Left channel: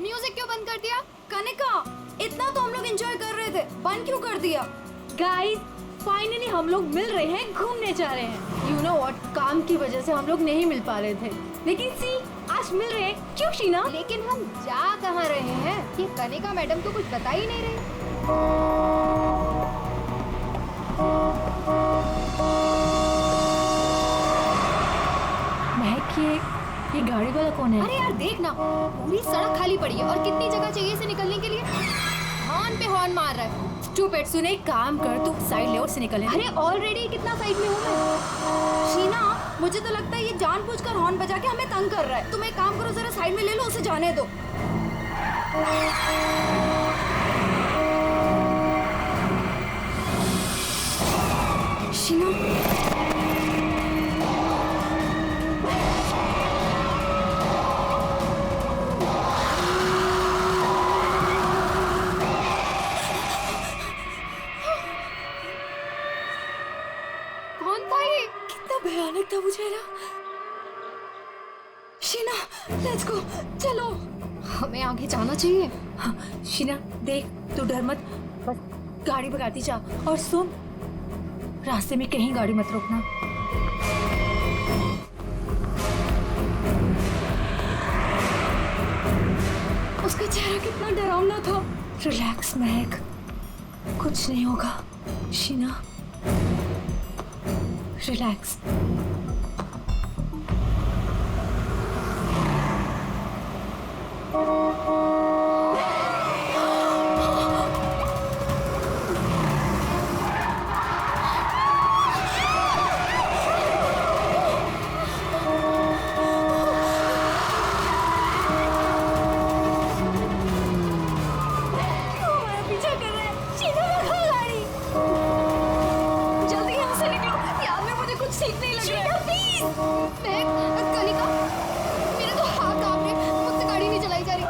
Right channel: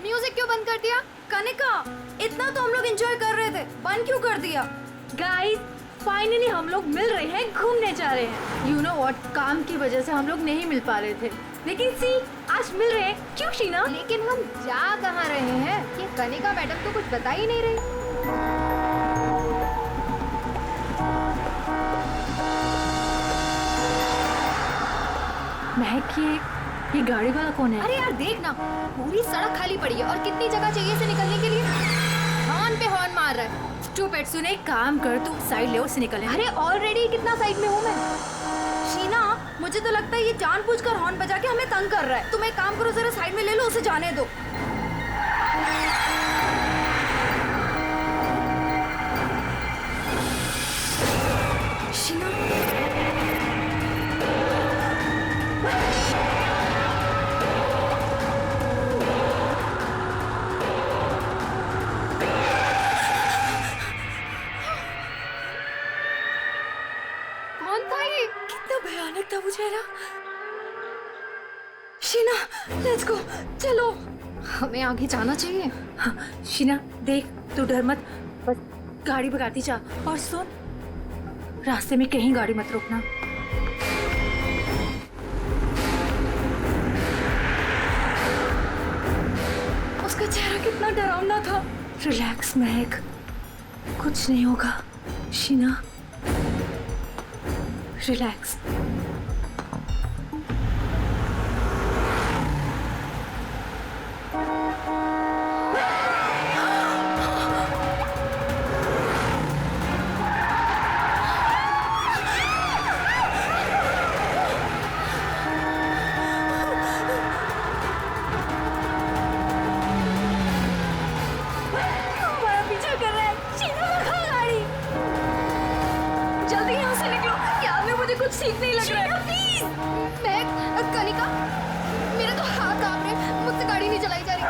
Music क्यों बंद कर दिया? कनिका, इतना तो हम लोग एंजॉय कर रहे थे, बंद क्यों कर दिया? गाइस, फाइनली हम लोग मिल रहे हैं, घूमने जा रहे हैं। यू नो व्हाट, काम की वजह से हम लोग नहीं मिल पा रहे थे, लेकिन सी आज मिल रहे हैं। क्यों शीना? लेकिन हम जा कहाँ रहे हैं? ये कनिका मैडम तो कुछ बता ही नहीं रही। महक, ये गाड़ी वाला कौन है? अरे यार देख ना, पूरी सड़क खाली पड़ी है और कितनी जगह चाहिए इसे निकलने के लिए। हॉर्न पे हॉर्न मार रहा है। स्टूपिड, सुन एक काम कर, तू साइड ले और से निकल। अरे ऑलरेडी कितना साइड में हूँ मैं। शीना, मुझे तो लगता है ये जानबूझकर हॉर्न बजा के हमें तंग कर रहा है। तुम एक काम करो, जरा साइड में ले लो, उसे जाने दो। शीना, कौन था ये? कितना भयानक था वो चेहरा। शीना, लेट्स गो, चलो। हमें आगे जाना चाहिए। हाँ, शीना देख, तू डर मत, बस गाड़ी भगाती जा। और सुन, रास्ते में कहीं गाड़ी मत रोकना। उसका चेहरा कितना डरावना था। रिलैक्स महक, कुछ नहीं होगा। शीना रिलैक्स। हमारा पीछा कर रहा है। शीना, भगा गाड़ी। जल्दी यहाँ से निकलो, याद में मुझे कुछ ठीक नहीं लग रहा है। प्लीज। मैं कनिका, मेरे तो हाथ कांप रहे, मुझसे गाड़ी नहीं चलाई जा रही।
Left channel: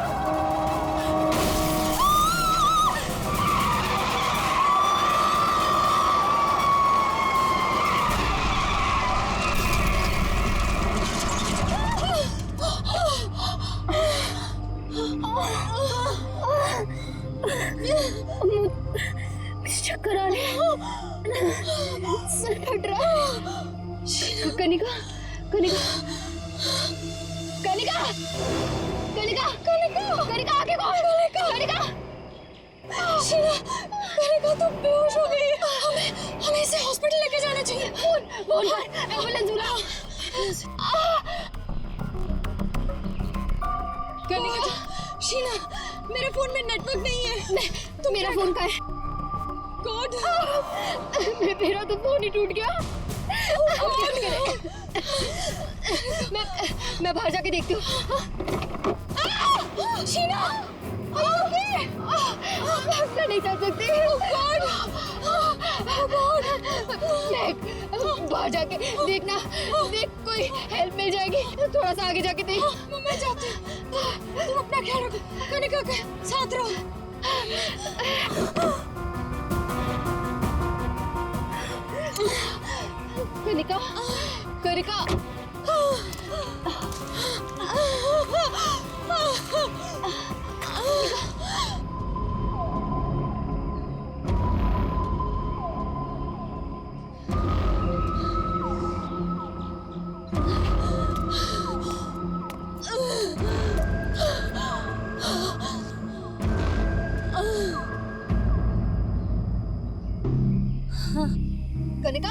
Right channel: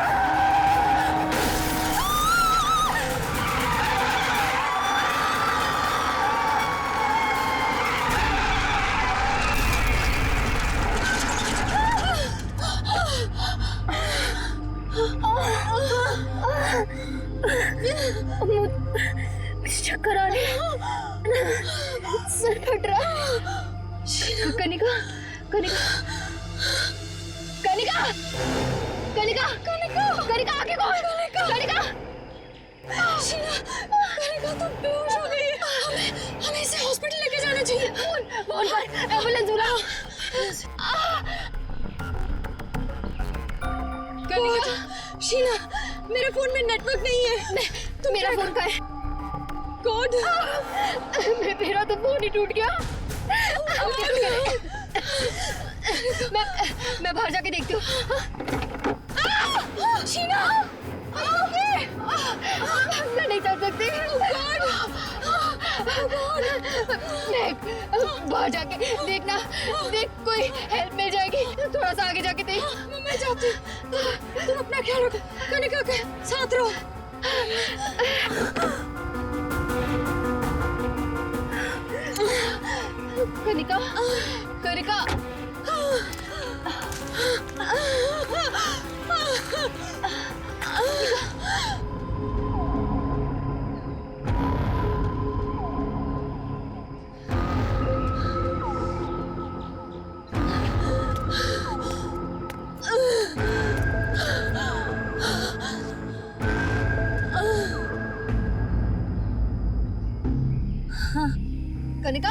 चक्कर आ रहे हैं, सर फट रहा है। कनिका, कनिका, कनिका, कनिका, कनिका, कनिका, आगे कौन? कनिका, शीना, कनिका तो बेहोश हो गई है। हमें इसे हॉस्पिटल लेके जाना चाहिए। फोन पर एम्बुलेंस बुलाओ। कनिका, शीना, मेरे फोन में नेटवर्क नहीं है। तो मेरा फोन का है कोड। मेरा तो फोन ही टूट गया। मैं बाहर जाके देखती हूँ। शीना, मैं नहीं चल सकती। बाहर जाके देखना, देख कोई हेल्प मिल जाएगी। थोड़ा सा आगे जाके देख। मैं जाती हूँ। तुम अपना ख्याल रखो, कनिका के साथ रहो। कनिका, कनिका, कनिका,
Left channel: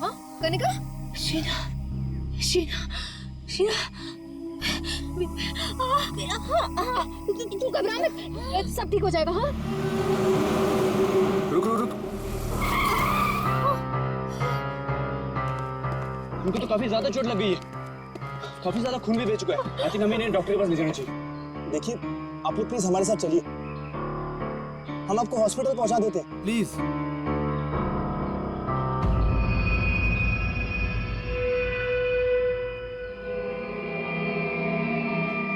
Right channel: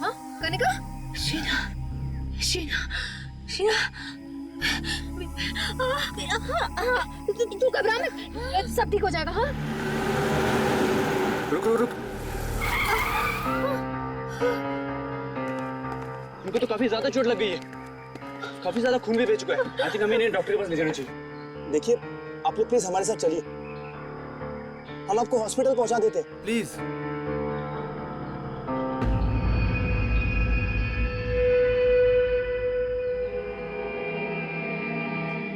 हाँ कनिका, शीना, शीना, शीना, तू घबरा मत, सब ठीक हो जाएगा। हाँ रुक रुक रुक। उनको तो काफी ज्यादा चोट लग गई है, काफी ज्यादा खून भी बह चुका है। आई थिंक हमें इन्हें डॉक्टर के पास ले जाना चाहिए। देखिए, आप लोग प्लीज हमारे साथ चलिए, हम आपको हॉस्पिटल पहुंचा देते हैं। प्लीज।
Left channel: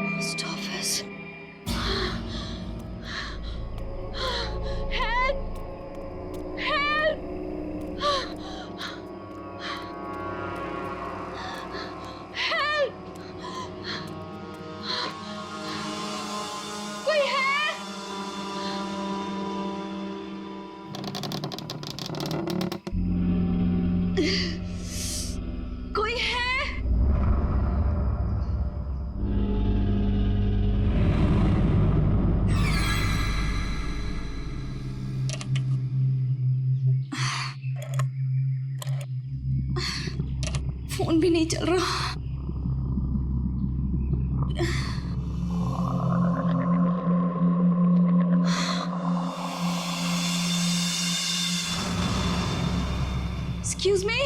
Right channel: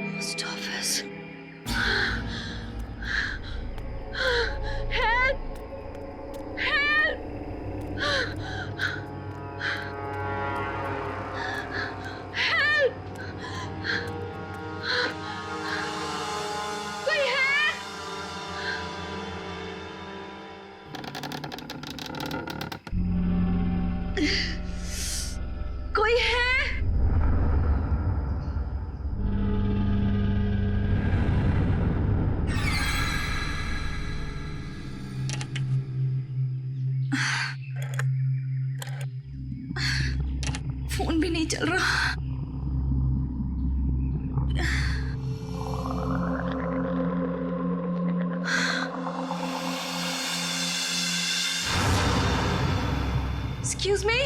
Post office. फोन भी नहीं चल रहा। Excuse me?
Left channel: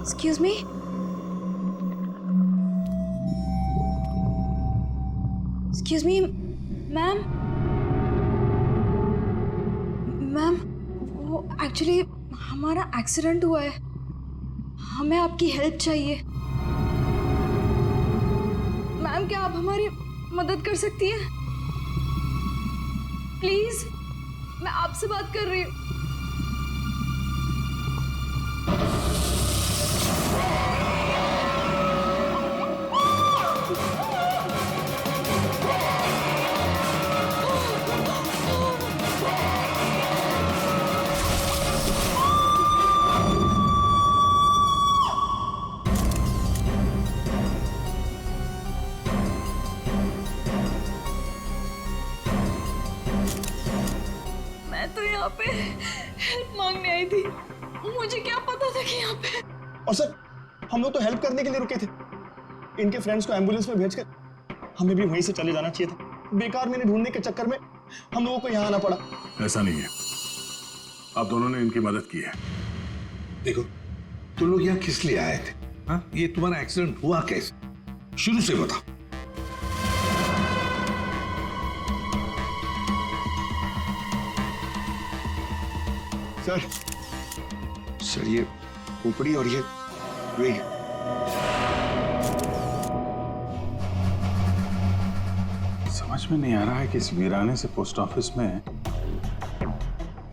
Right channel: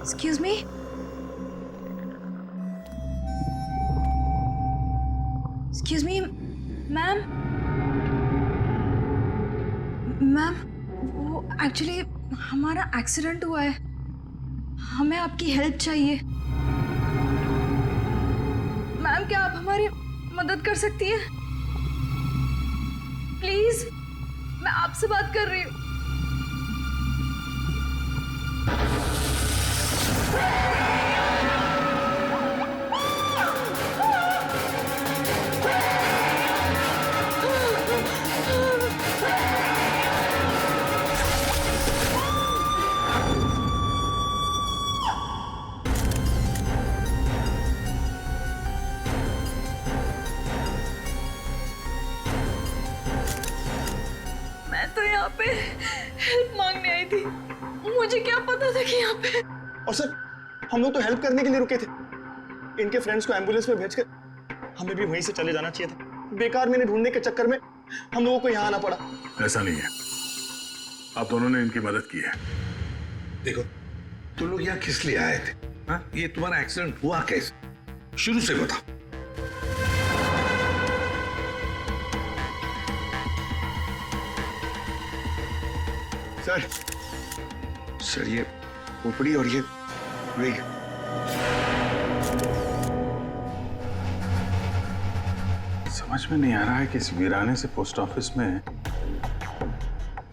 Excuse me? Excuse me, ma'am. Ma'am, वो एक्चुअली हमारा एक्सीडेंट हुआ है, हमें आपकी हेल्प चाहिए। मैम, क्या आप हमारी मदद कर सकती हैं? प्लीज, मैं आपसे बात कर रही हूँ। मैं तो यहाँ पे हेल्प मांगने आई थी, मुझे क्या पता था कि यहाँ पे। और सर, हम लोग तो हेल्प करने के लिए रुके थे। इनके फ्रेंड्स को एम्बुलेंस में भेजकर हमें भी वहीं से चले जाना चाहिए था। बेकार मैंने ढूंढने के चक्कर में हम लोगों को यहाँ आना पड़ा। ऐसा नहीं है, आप दोनों ने इनकी मदद की है। देखो, तुम लोग यहाँ किस लिए आए थे? हाँ, ये तुम्हारा एक्सीडेंट हुआ कैसे? शुरू से बताओ। सर ये खोपड़ी और ये वेग। समझ में नहीं आ रहा है कि इस वीराने से पोस्ट ऑफिस में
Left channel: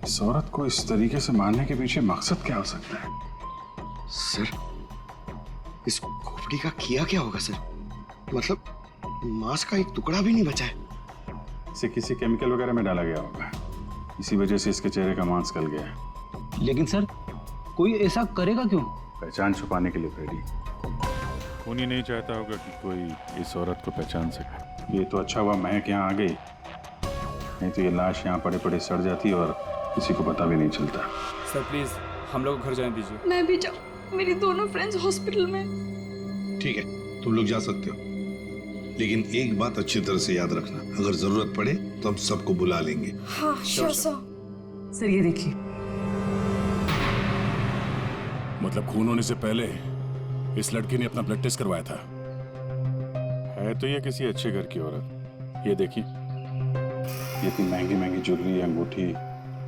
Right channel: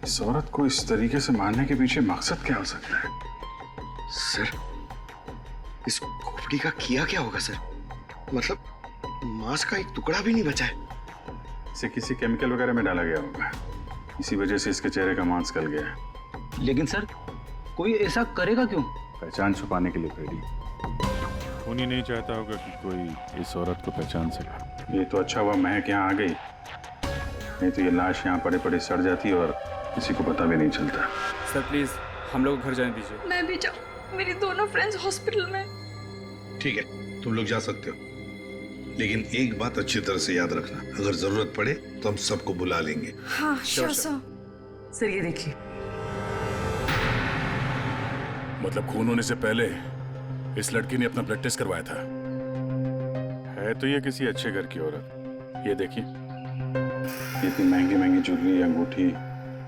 इस औरत को इस तरीके से मारने के पीछे मकसद क्या हो सकता है। सर, इस खोपड़ी का किया क्या होगा सर? मतलब मांस का एक टुकड़ा भी नहीं बचा है। इसे किसी केमिकल वगैरह में डाला गया होगा, इसी वजह से इसके चेहरे का मांस गल गया है। लेकिन सर, कोई ऐसा करेगा क्यों? पहचान छुपाने के लिए फ्रेडी। खूनी नहीं चाहता होगा कि कोई इस औरत को पहचान सके। ये तो अच्छा हुआ महक यहाँ आ गई, नहीं तो ये लाश यहाँ पड़े पड़े सड़ जाती और किसी को पता भी नहीं चलता। सर प्लीज हम लोग घर जाने दीजिए। मैं भी जाऊँ, मेरी दोनों फ्रेंड्स हॉस्पिटल में। ठीक है, तुम लोग जा सकते हो, लेकिन एक बात अच्छी तरह से याद रखना, अगर जरूरत पड़े तो हम सबको बुला लेंगे। हाँ श्योर सर। सर ये देखिए, मतलब खून होने से पहले इस लड़की ने अपना ब्लड टेस्ट करवाया था। है तो ये किसी अच्छे घर की औरत। ये देखिए, ये इतनी महंगी महंगी ज्वेलरी, अंगूठी,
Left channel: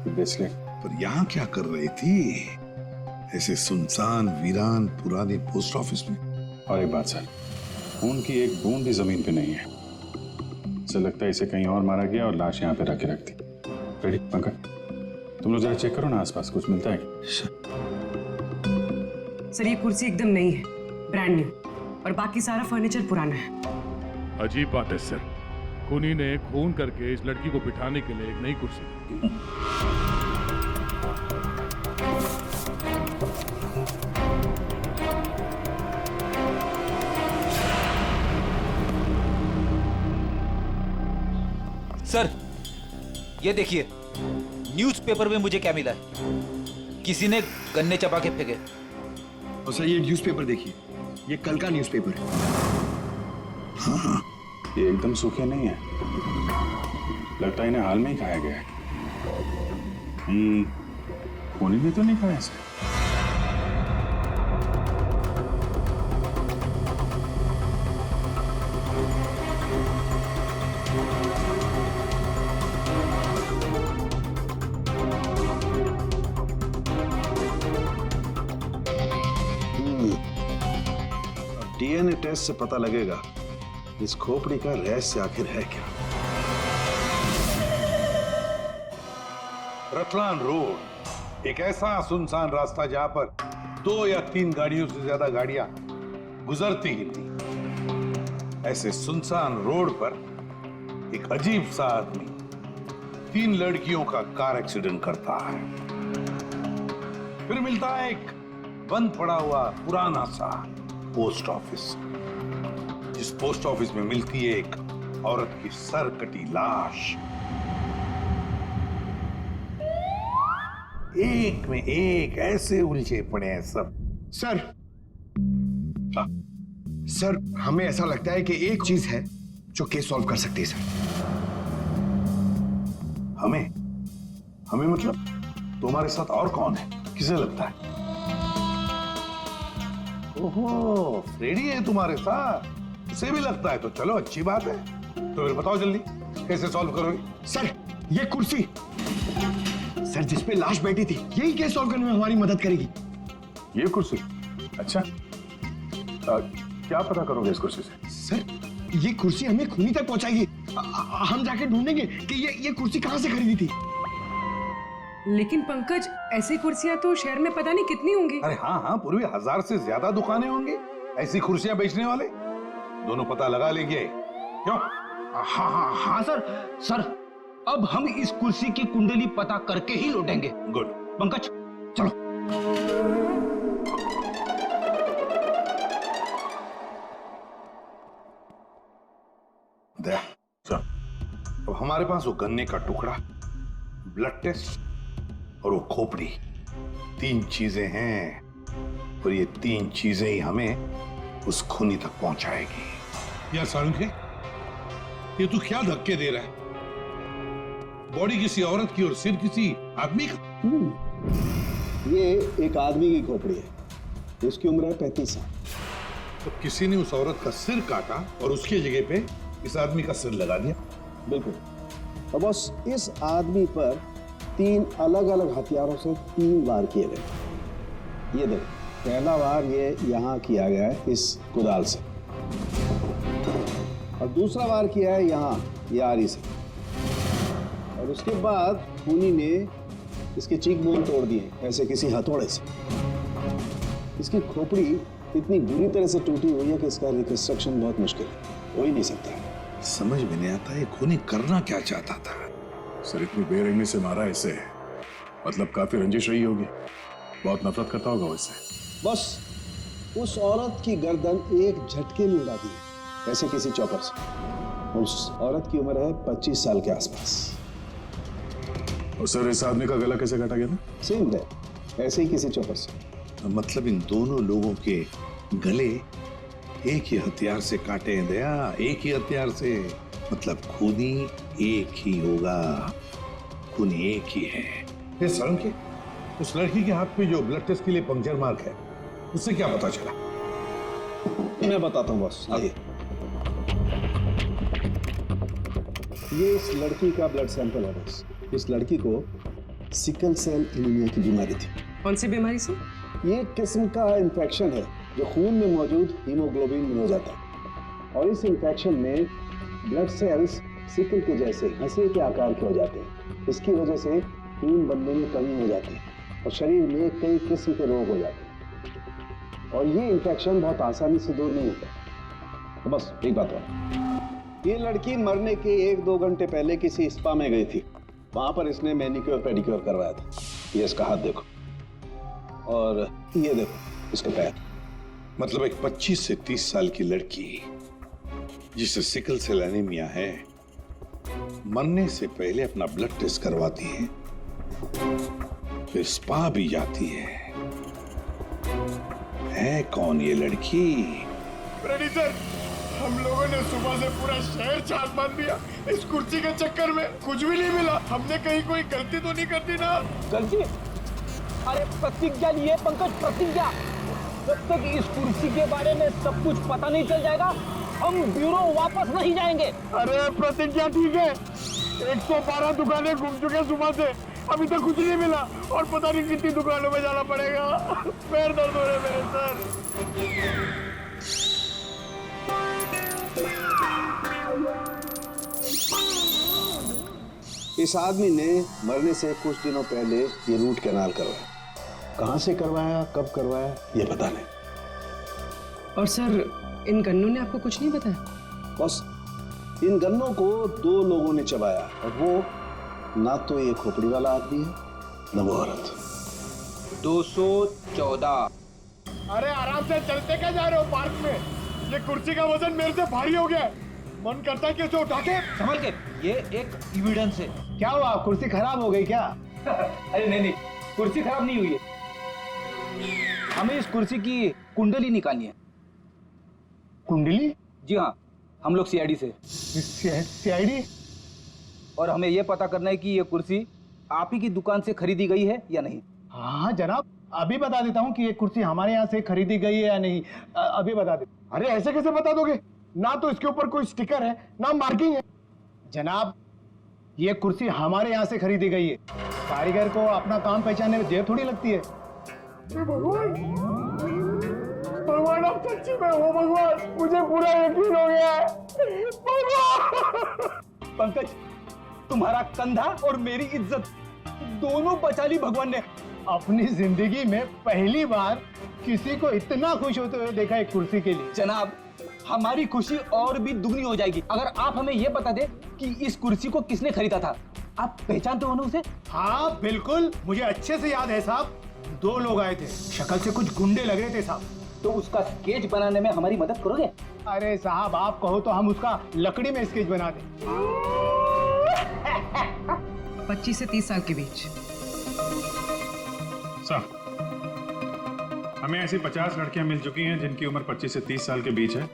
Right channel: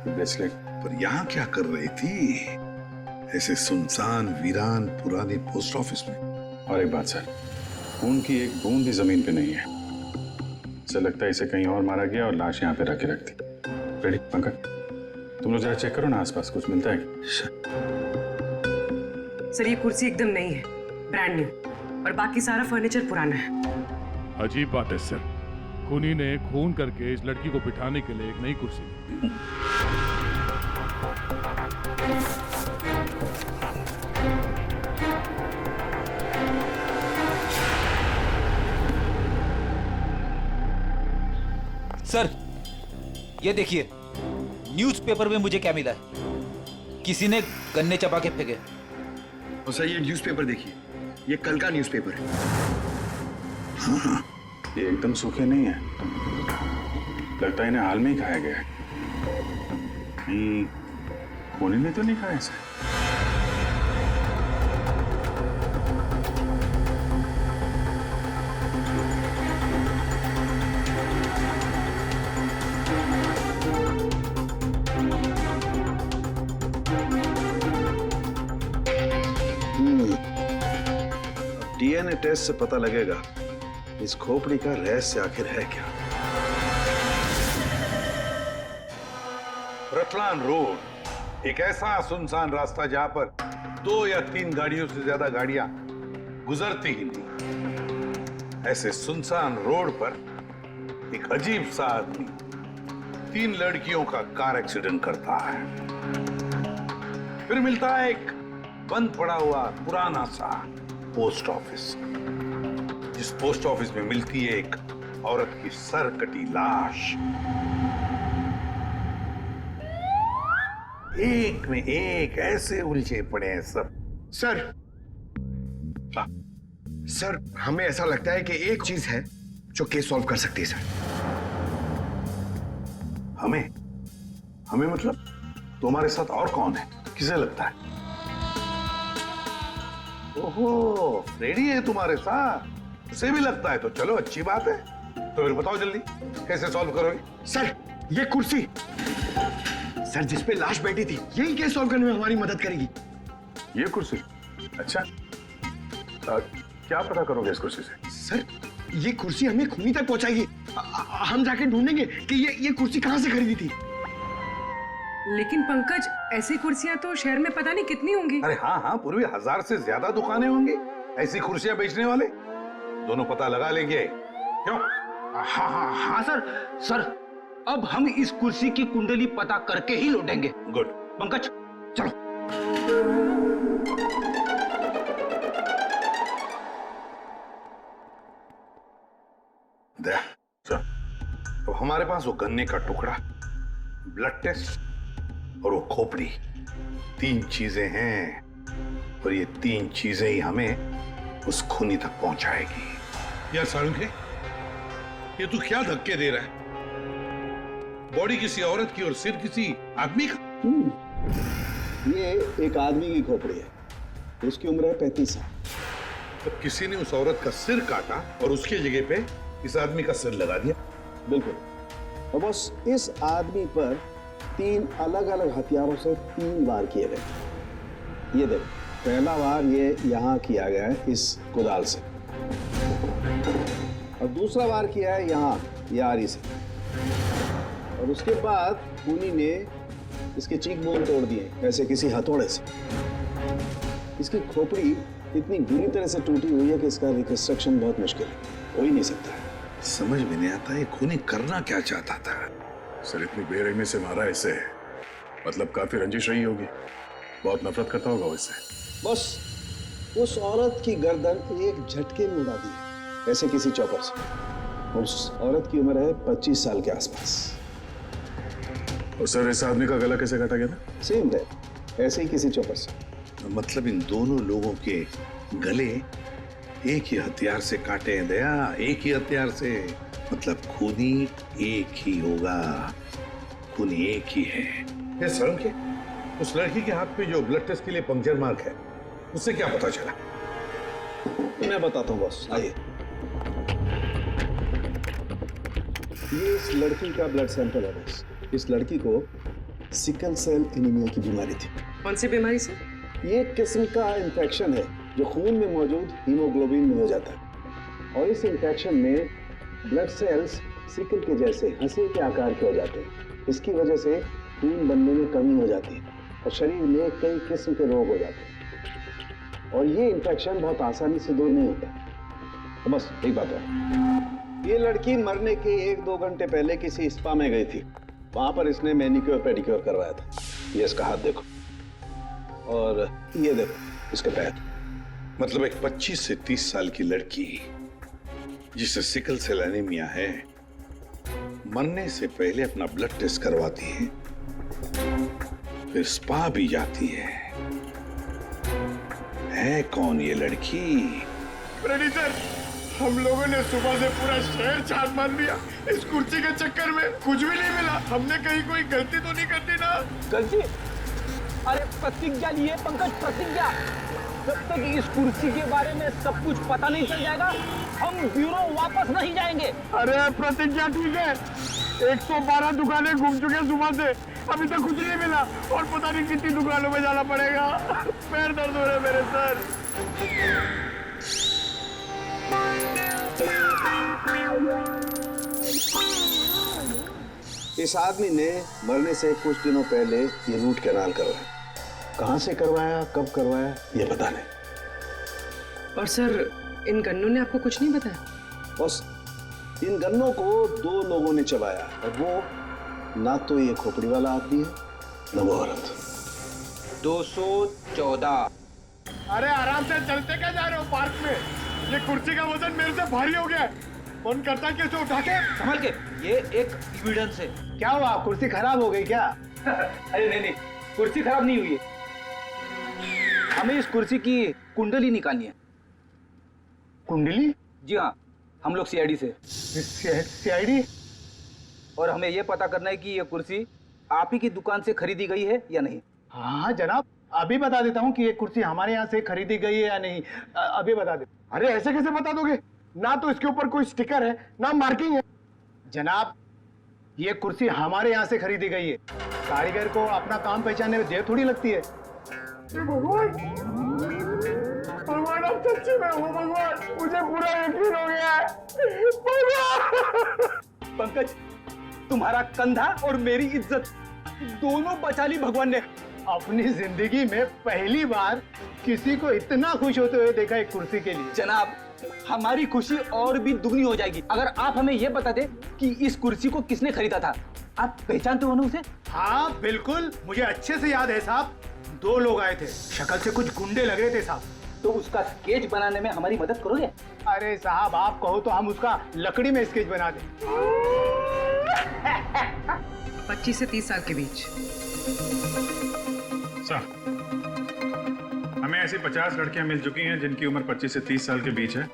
ब्रेसलेट। पर यहाँ क्या कर रही थी ऐसे सुनसान वीरान पुराने पोस्ट ऑफिस में? और एक बात सर, खून की एक बूंद भी जमीन पे नहीं है। ऐसा लगता है इसे कहीं और मारा गया और लाश यहाँ पे रख के रख दी। रेडी पंकज, तुम लोग जरा चेक करो ना आसपास कुछ मिलता है। सर ये कुर्सी एकदम नई है, ब्रांड न्यू, और बाकी सारा फर्नीचर पुराना है। अजीब बात है सर, खूनी ने खून करके इस लड़की को बिठाने के लिए एक नई कुर्सी दी। सर ये देखिए, न्यूज़पेपर में मुझे क्या मिला है? किसी ने गन्ने चबा के फेंके। और सर ये न्यूज़पेपर देखिए, ये कल का न्यूज़पेपर है। हाँ, ये एकदम सूखे नहीं है, लगता है इन्हें हाल में ही खाया गया है। खूनी ने तो नहीं खाया इसे। डीएनए टेस्ट से पता लगेगा इस खोपड़ी का रहस्य आखिर है क्या। रतलान रोड एक ऐसा सुनसान रास्ता जहां पर 2 या 3 गाड़ियों से ज्यादा गाड़ियां गुजरती ही नहीं। ऐसे सुनसान रोड पर एक अजीब सा आदमी 3 लड़कियों का कार एक्सीडेंट करता है। फिर मिलता है एक बंद पड़ा हुआ पुराना सा पोस्ट ऑफिस, जिस पोस्ट ऑफिस में मिलती है एक औरत की सर कटी लाश। एक में एक ऐसे उलझे पड़े हैं सब। सर, सर हमें ऐसा लगता है कि एक चीज है जो केस सॉल्व कर सकती है सर। हमें मतलब तुम्हारे साथ और कौन है, किसे लगता है? ओहो, फ्रेडी है तुम्हारे साथ, उसे भी लगता है तो चलो अच्छी बात है। तो फिर बताओ जल्दी कैसे सॉल्व करोगे? सर ये कुर्सी सर जिसपे लाश बैठी थी, यही केस सॉल्व करने में हमारी मदद करेगी। ये कुर्सी? अच्छा, क्या पता करोगे इस कुर्सी से? सर ये कुर्सी हमें खूनी तक पहुंचाएगी। हम जाके ढूंढेंगे कि ये कुर्सी कहां से खरीदी थी। लेकिन पंकज, ऐसी कुर्सियां तो शहर में पता नहीं कितनी होंगी। अरे हाँ, पूर्वी 1000 से ज्यादा दुकानें होंगी ऐसी कुर्सियां बेचने वाले। दोनों पता लगा लेंगे, क्यों? हाँ सर, अब हम इस कुर्सी की कुंडली पता करके ही लौटेंगे। गुड। पंकज चलो। दया, चल। अब हमारे पास वो गन्ने का टुकड़ा, ब्लड टेस्ट और वो खोपड़ी, 3 चीजें हैं, और ये 3 चीजें ही हमें उस खूनी तक पहुंचाएगी। यार साळुंखे, ये तू क्या धक्के दे रहा है? बॉडी किसी औरत की और सिर किसी आदमी का। ये एक आदमी की खोपड़ी है, उसकी उम्र है 35 साल। तो किसी ने उस औरत का सिर काटा और उसके जगह पे इस आदमी का सिर लगा दिया। बिल्कुल। और बस इस आदमी पर 3 अलग अलग हथियारों से 3 वार किए गए। ये देखो, पहला वार ये यहाँ किया गया है इस कुदाल से, और दूसरा वार किया है यहाँ ये आरी से, और उसके बाद खूनी ने इसके चीक बोन तोड़ दिए ऐसे किसी हथौड़े से। इसकी खोपड़ी इतनी बुरी तरह से टूटी हुई है कि इसका रिकंस्ट्रक्शन बहुत मुश्किल है, हो ही नहीं सकता है। समझ में नहीं आता ये खूनी करना क्या चाहता था। सर इतनी बेरहमी से मारा इसे, मतलब काफी रंजिश रही होगी, बहुत नफरत करता होगा इससे। बस उस औरत की गर्दन एक झटके में उड़ा दी है, ऐसे किसी चौपर से। उस औरत की उम्र है 25 साल के आसपास। और सर इस आदमी का गला कैसे काटा गया था? सेम है, ऐसे ही किसी चौपर से। मतलब इन दोनों लोगों के गले एक ही हथियार से काटे हैं दया, एक ही हथियार से। मतलब खूनी एक ही होगा, खूनी एक ही है। ये साळुंखे, उस लड़की के हाथ पे जो ब्लड टेस्ट के लिए पंक्चर मार्क है, उससे क्या पता चला? मैं बताता हूँ बॉस, आइए। ये इस लड़की का ब्लड सैंपल है बॉस। इस लड़की को सिकल सेल एनीमिया की बीमारी थी। कौन सी बीमारी से? ये एक किस्म का इन्फेक्शन है जो खून में मौजूद हीमोग्लोबिन में हो जाता है, और इस इन्फेक्शन में ब्लड सेल्स सिकल के जैसे हंसे के आकार के हो जाते हैं। इसकी वजह से खून बनने में कमी हो जाती है और शरीर में कई किस्म के रोग हो जाते हैं, और ये इन्फेक्शन बहुत आसानी से दूर नहीं होता। तो बस एक बात और, ये लड़की मरने के 1-2 घंटे पहले किसी स्पा में गई थी, वहां पर इसने मैनिक्योर पेडिक्योर करवाया था। ये इसका हाथ देखो, और ये देखो इसके पैर। मतलब एक 25 से 30 साल की लड़की जिसे सिकल सेल एनीमिया है, मरने से पहले अपना ब्लड टेस्ट करवाती है, फिर स्पा भी जाती है कौन ये लड़की? फ्रेडी सर, हम लोगों ने सुबह से पूरा शहर छान मार दिया। इस कुर्सी के चक्कर में कुछ भी नहीं मिला। हमने कहीं कोई गलती तो नहीं कर दी ना? गलती? अरे प्रतिज्ञा लिए पंकज, प्रतिज्ञा। जब तक इस कुर्सी के बारे में सब कुछ पता नहीं चल जाएगा, हम ब्यूरो वापस नहीं जाएंगे। अरे प्रतिज्ञा ठीक है, 112 दुकानें घूम चुके सुबह से, अभी तक कुछ नहीं मिला, और पता नहीं कितनी दुकानों में जाना पड़ेगा। पैर दर्द हो रहे मेरे सर। इस आदमी ने मरने से कुछ दिनों पहले ये रूट कैनाल करवाया। कहां से करवाया, कब करवाया, ये पता नहीं। और सर, इन गन्नों ने आपको कुछ नहीं बताया? बस इन गन्नों को 2 लोगों ने चबाया, और वो ना तो ये खोपड़ी वाला आदमी है, ना वो औरत। 214। अरे आराम से चलते क्या जा रहे हो पार्क में? ये कुर्सी का वजन मेरे से भारी हो गया है, मन करता है कि इसे उठा के। संभल के, ये एक एविडेंस है। क्या हुआ, कुर्सी खराब हो गई क्या? अरे नहीं, कुर्सी खराब नहीं हुई है, हमें इस कुर्सी की कुंडली निकालनी है। कुंडली? जी हाँ, हम लोग सीआईडी से। सीआईडी? और हमें यह पता करना है कि ये कुर्सी आप ही की दुकान से खरीदी गई है या नहीं। हाँ जनाब, अभी बता देता हूँ कि ये कुर्सी हमारे यहाँ से खरीदी गई है या नहीं। अभी बता दे। अरे ऐसे कैसे बता दोगे? ना तो इसके ऊपर कोई स्टिकर है, ना मार्किंग है। जनाब, ये कुर्सी हमारे यहाँ से खरीदी गई है। कारीगर को अपना काम पहचानने में देर थोड़ी लगती है। भगवान, भगवान अब सच्ची में हो भगवान, मुझे पूरा यकीन हो गया है। भगवान! पंकज, तुम्हारा कंधा और मेरी इज्जत दोनों बचा ली भगवान ने। अपनी जिंदगी में पहली बार किसी को इतना खुश होते हुए देखा एक कुर्सी के लिए। जनाब, हमारी खुशी और भी दुगनी हो जाएगी अगर आप हमें यह बता दे कि इस कुर्सी को किसने खरीदा था। आप पहचानते हो ना उसे? हाँ बिल्कुल, मुझे अच्छे से याद है साहब। 2 लोग आए थे, शक्ल से कुछ गुंडे लग रहे थे साहब। तो उसका स्केच बनाने में हमारी मदद करोगे? अरे साहब, आप कहो तो हम उसका लकड़ी में स्केच बना दें। 25 से 30 साल के बीच। हमें ऐसी 50 लड़कियां मिल चुकी हैं जिनकी उम्र 25 से 30 साल के बीच है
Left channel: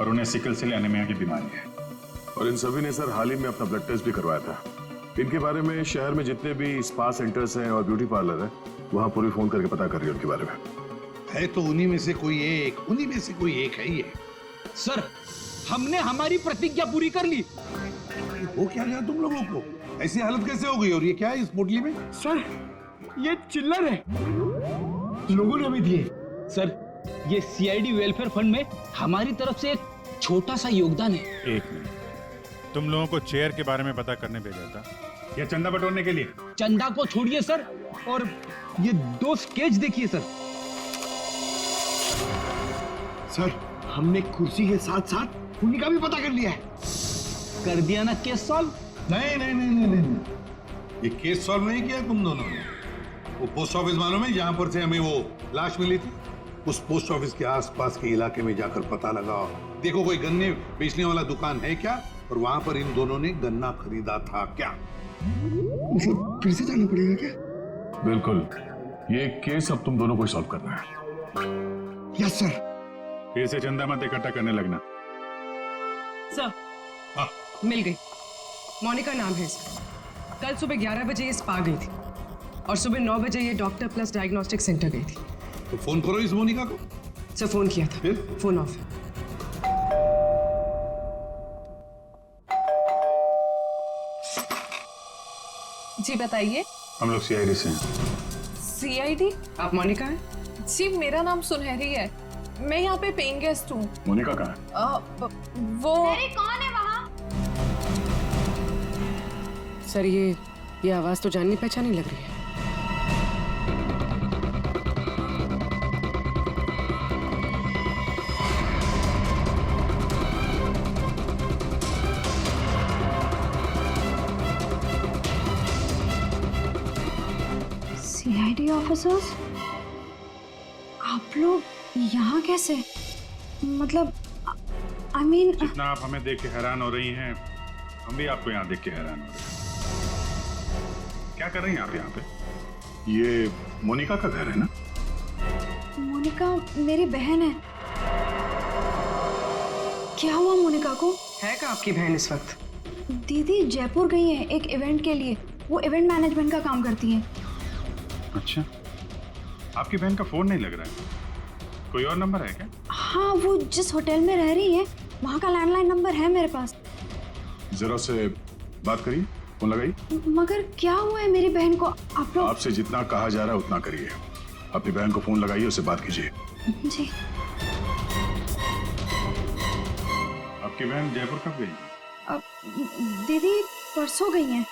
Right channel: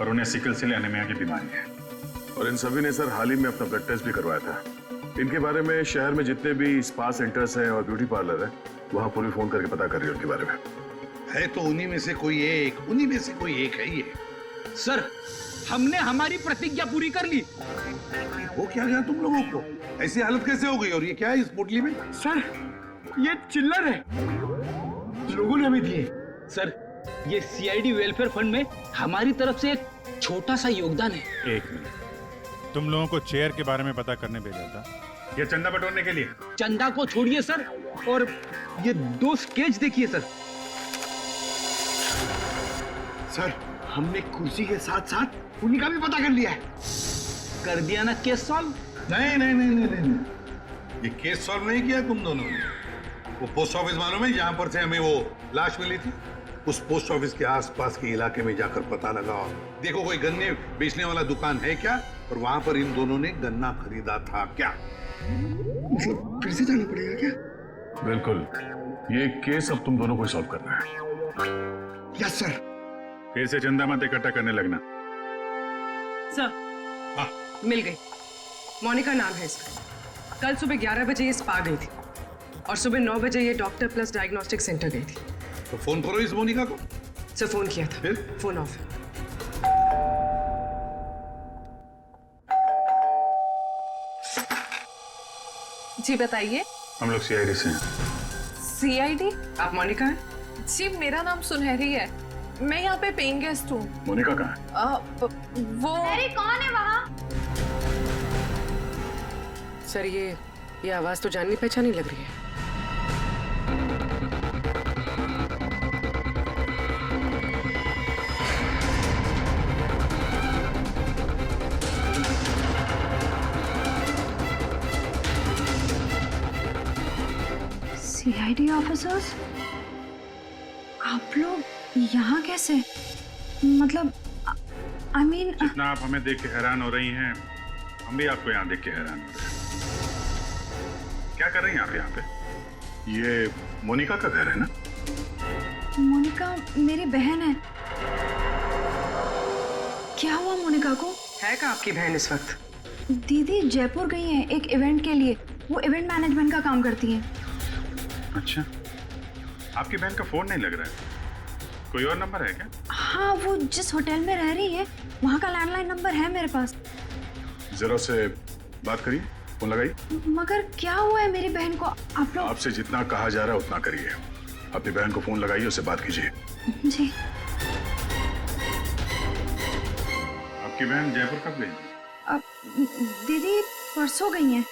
और उन्हें सिकल सेल एनीमिया की बीमारी है। और इन सभी ने सर हाल ही में अपना ब्लड टेस्ट भी करवाया था। इनके बारे में शहर में जितने भी स्पा सेंटर्स हैं और ब्यूटी पार्लर है, वहां पूरी फोन करके पता कर रही है उनके बारे में। है तो उन्हीं में से कोई एक, उन्हीं में से कोई एक है ये। सर, हमने हमारी प्रतिज्ञा पूरी कर ली। हो क्या गया तुम लोगों को? ऐसी हालत कैसे हो गई? और ये क्या है इस पोटली में? सर, ये चिल्लर है, लोगों ने हमें दिए। सर, ये सीआईडी वेलफेयर फंड में हमारी तरफ से एक छोटा सा योगदान है। 1 मिनट, तुम लोगों को चेयर के बारे में पता करने भेजा था या चंदा बटोरने के लिए? चंदा को छोड़िए सर, और ये 2 स्केच देखिए सर। सर, हमने कुर्सी के साथ साथ उन्हीं का भी पता कर लिया है। कर दिया ना केस सॉल्व? नहीं नहीं नहीं नहीं नहीं, ये केस सॉल्व नहीं किया तुम दोनों ने। वो पोस्ट ऑफिस मालूम है जहां पर से हमें वो लाश मिली थी? उस पोस्ट ऑफिस के आसपास के इलाके में जाकर पता लगाओ, देखो कोई गन्ने बेचने वाला दुकान है क्या, और वहां पर इन दोनों ने गन्ना खरीदा था क्या। मतलब फिर से जाना पड़ेगा क्या? बिल्कुल, ये केस अब तुम दोनों को सॉल्व करना है। Yes sir. फिर से चंदा मत इकट्ठा करने लगना। सर, मिल गई। मोनिका नाम है इसका। कल सुबह 11 बजे ये स्पा गई थी और सुबह 9 बजे ये डॉक्टर प्लस डायग्नोस्टिक सेंटर गई थी। तो फोन करो इस मोनिका को। सर, फोन किया था, फिर फोन ऑफ है। जी बताइए। हम लोग सीआईडी से हैं। सीआईडी? आप मोनिका हैं? जी, मेरा नाम सुनहरी है, मैं यहाँ पे पेइंग गेस्ट हूँ। मोनिका कहाँ है? वो अरे कौन है वहाँ? सर, ये आवाज तो जाननी पहचानी लग रही है। सीआईडी ऑफिसर्स, आप लोग यहाँ कैसे? मतलब आई मीन, जितना आप हमें देख के हैरान हो रही हैं, हम भी आपको यहाँ देख के हैरान हो रहे हैं। क्या कर रही हैं आप यहाँ पे? ये मोनिका का घर है ना? मोनिका मेरी बहन है। क्या हुआ मोनिका को? है क्या आपकी बहन इस वक्त? दीदी जयपुर गई हैं एक इवेंट के लिए, वो इवेंट मैनेजमेंट का काम करती हैं। अच्छा, आपकी बहन का फोन नहीं लग रहा है, कोई और नंबर है क्या? हाँ, वो जिस होटल में रह रही है वहाँ का लैंडलाइन नंबर है मेरे पास। जरा से बात करिए, फोन लगाइए। मगर क्या हुआ है मेरी बहन को? आप लोग आपसे जितना कहा जा रहा है उतना करिए। अपनी बहन को फोन लगाइए, उससे बात कीजिए। जी। आपकी बहन जयपुर कब गई? दीदी परसों गई हैं।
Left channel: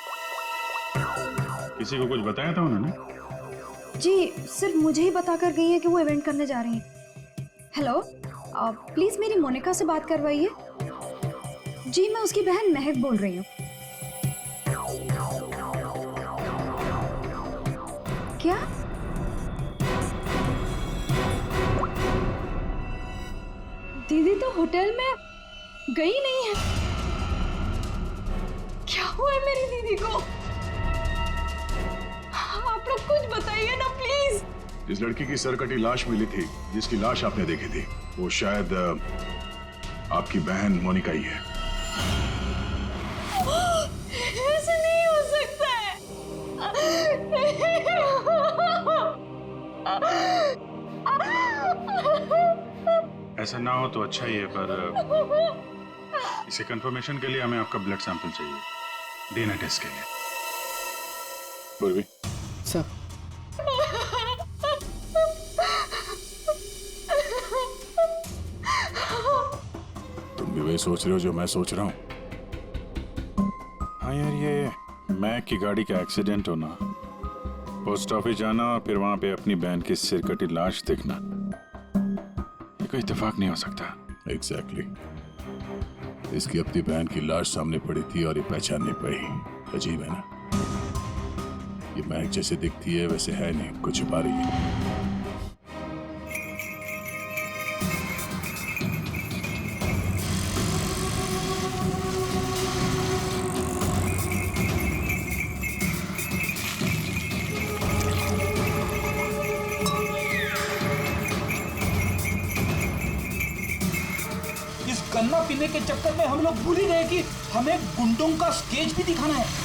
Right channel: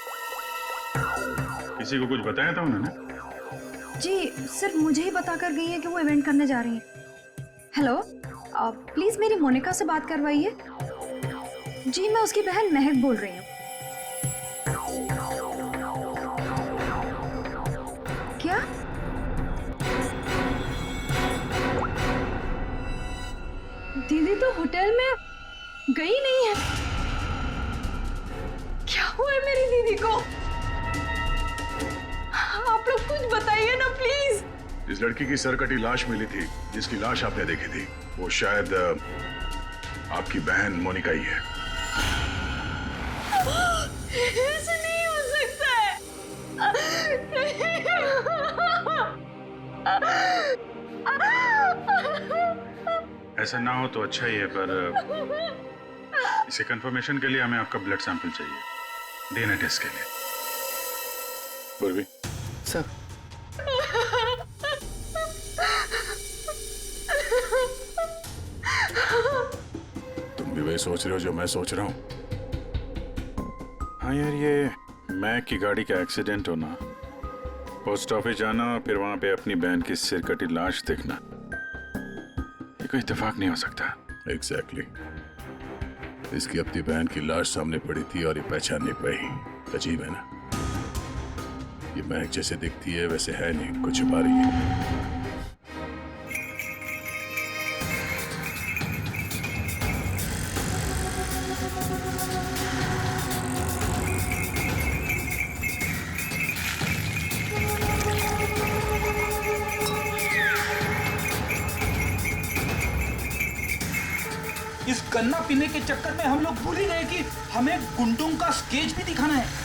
किसी को कुछ बताया था उन्होंने? जी, सिर्फ मुझे ही बताकर गई हैं कि वो इवेंट करने जा रही हैं। हेलो, प्लीज मेरी मोनिका से बात करवाइए। जी, मैं उसकी बहन महक बोल रही हूँ। क्या? दीदी तो होटल में गई नहीं है। क्या हुआ है मेरी दीदी को? आप लोग कुछ बताइए ना जिस लड़की की सरकटी लाश मिली थी, जिसकी लाश आपने देखी थी, वो शायद आपकी बहन मोनिका ही है। ऐसे नहीं हो सकता है। ऐसा ना हो तो अच्छा ही है, पर इसे कंफर्मेशन के लिए हमें आपका ब्लड सैंपल चाहिए डीएनए टेस्ट के लिए। पूर्वी सर, तुम भी वही सोच रहे हो जो मैं सोच रहा हूँ? हाँ यार, ये मैक की गाड़ी का एक्सीडेंट होना, पोस्ट ऑफिस जाना और फिर वहां पे अपनी बहन की सिरकटी लाश देखना, ये कोई इत्तेफाक नहीं हो सकता। एग्जैक्टली। इसकी अपनी बहन की लाश सामने पड़ी थी और ये पहचान नहीं पाई। अजीब है ना? ये महक जैसे दिखती है वैसे है नहीं, कुछ छुपा रही है। इस गन्ना पीने के चक्कर में हम लोग भूल ही गए कि हमें गुंडों का स्केच भी दिखाना है।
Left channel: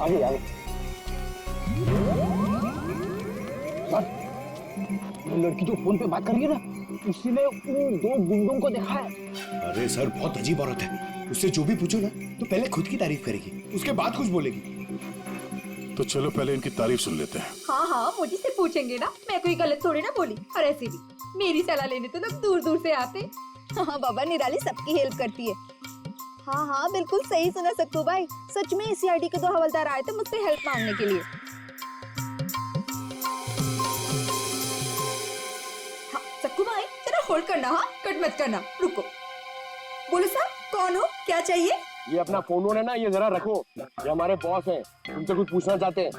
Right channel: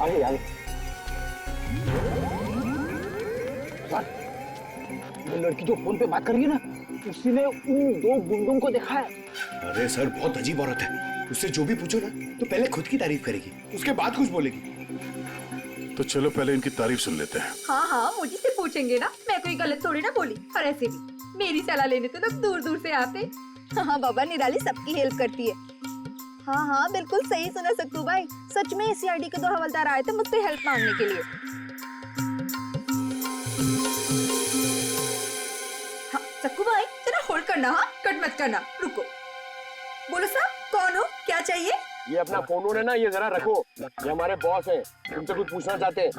आगे आगे। सर, वो लड़की जो फोन पे बात कर रही है ना, उसी ने उन दो गुंडों को देखा है। अरे सर, बहुत अजीब औरत है। उससे जो भी पूछो ना तो पहले खुद की तारीफ करेगी, उसके बाद कुछ बोलेगी। तो चलो पहले इनकी तारीफ सुन लेते हैं। हाँ हाँ, मुझे से पूछेंगे ना, मैं कोई गलत थोड़ी ना बोली। और ऐसे भी मेरी सलाह लेने तो लोग दूर दूर से आते। हाँ बाबा, निराली सबकी हेल्प करती है। हाँ हाँ, बिल्कुल सही सुना सक्कू भाई। सच में सीआईडी के 2 हवलदार आए थे मुझसे हेल्प मांगने के लिए। हाँ सक्कू भाई, जरा होल्ड करना, हाँ कट मत करना, रुको। बोलो साहब, कौन हो, क्या चाहिए? ये अपना फोन है ना, ये जरा रखो। ये हमारे बॉस हैं, तुमसे कुछ पूछना चाहते हैं।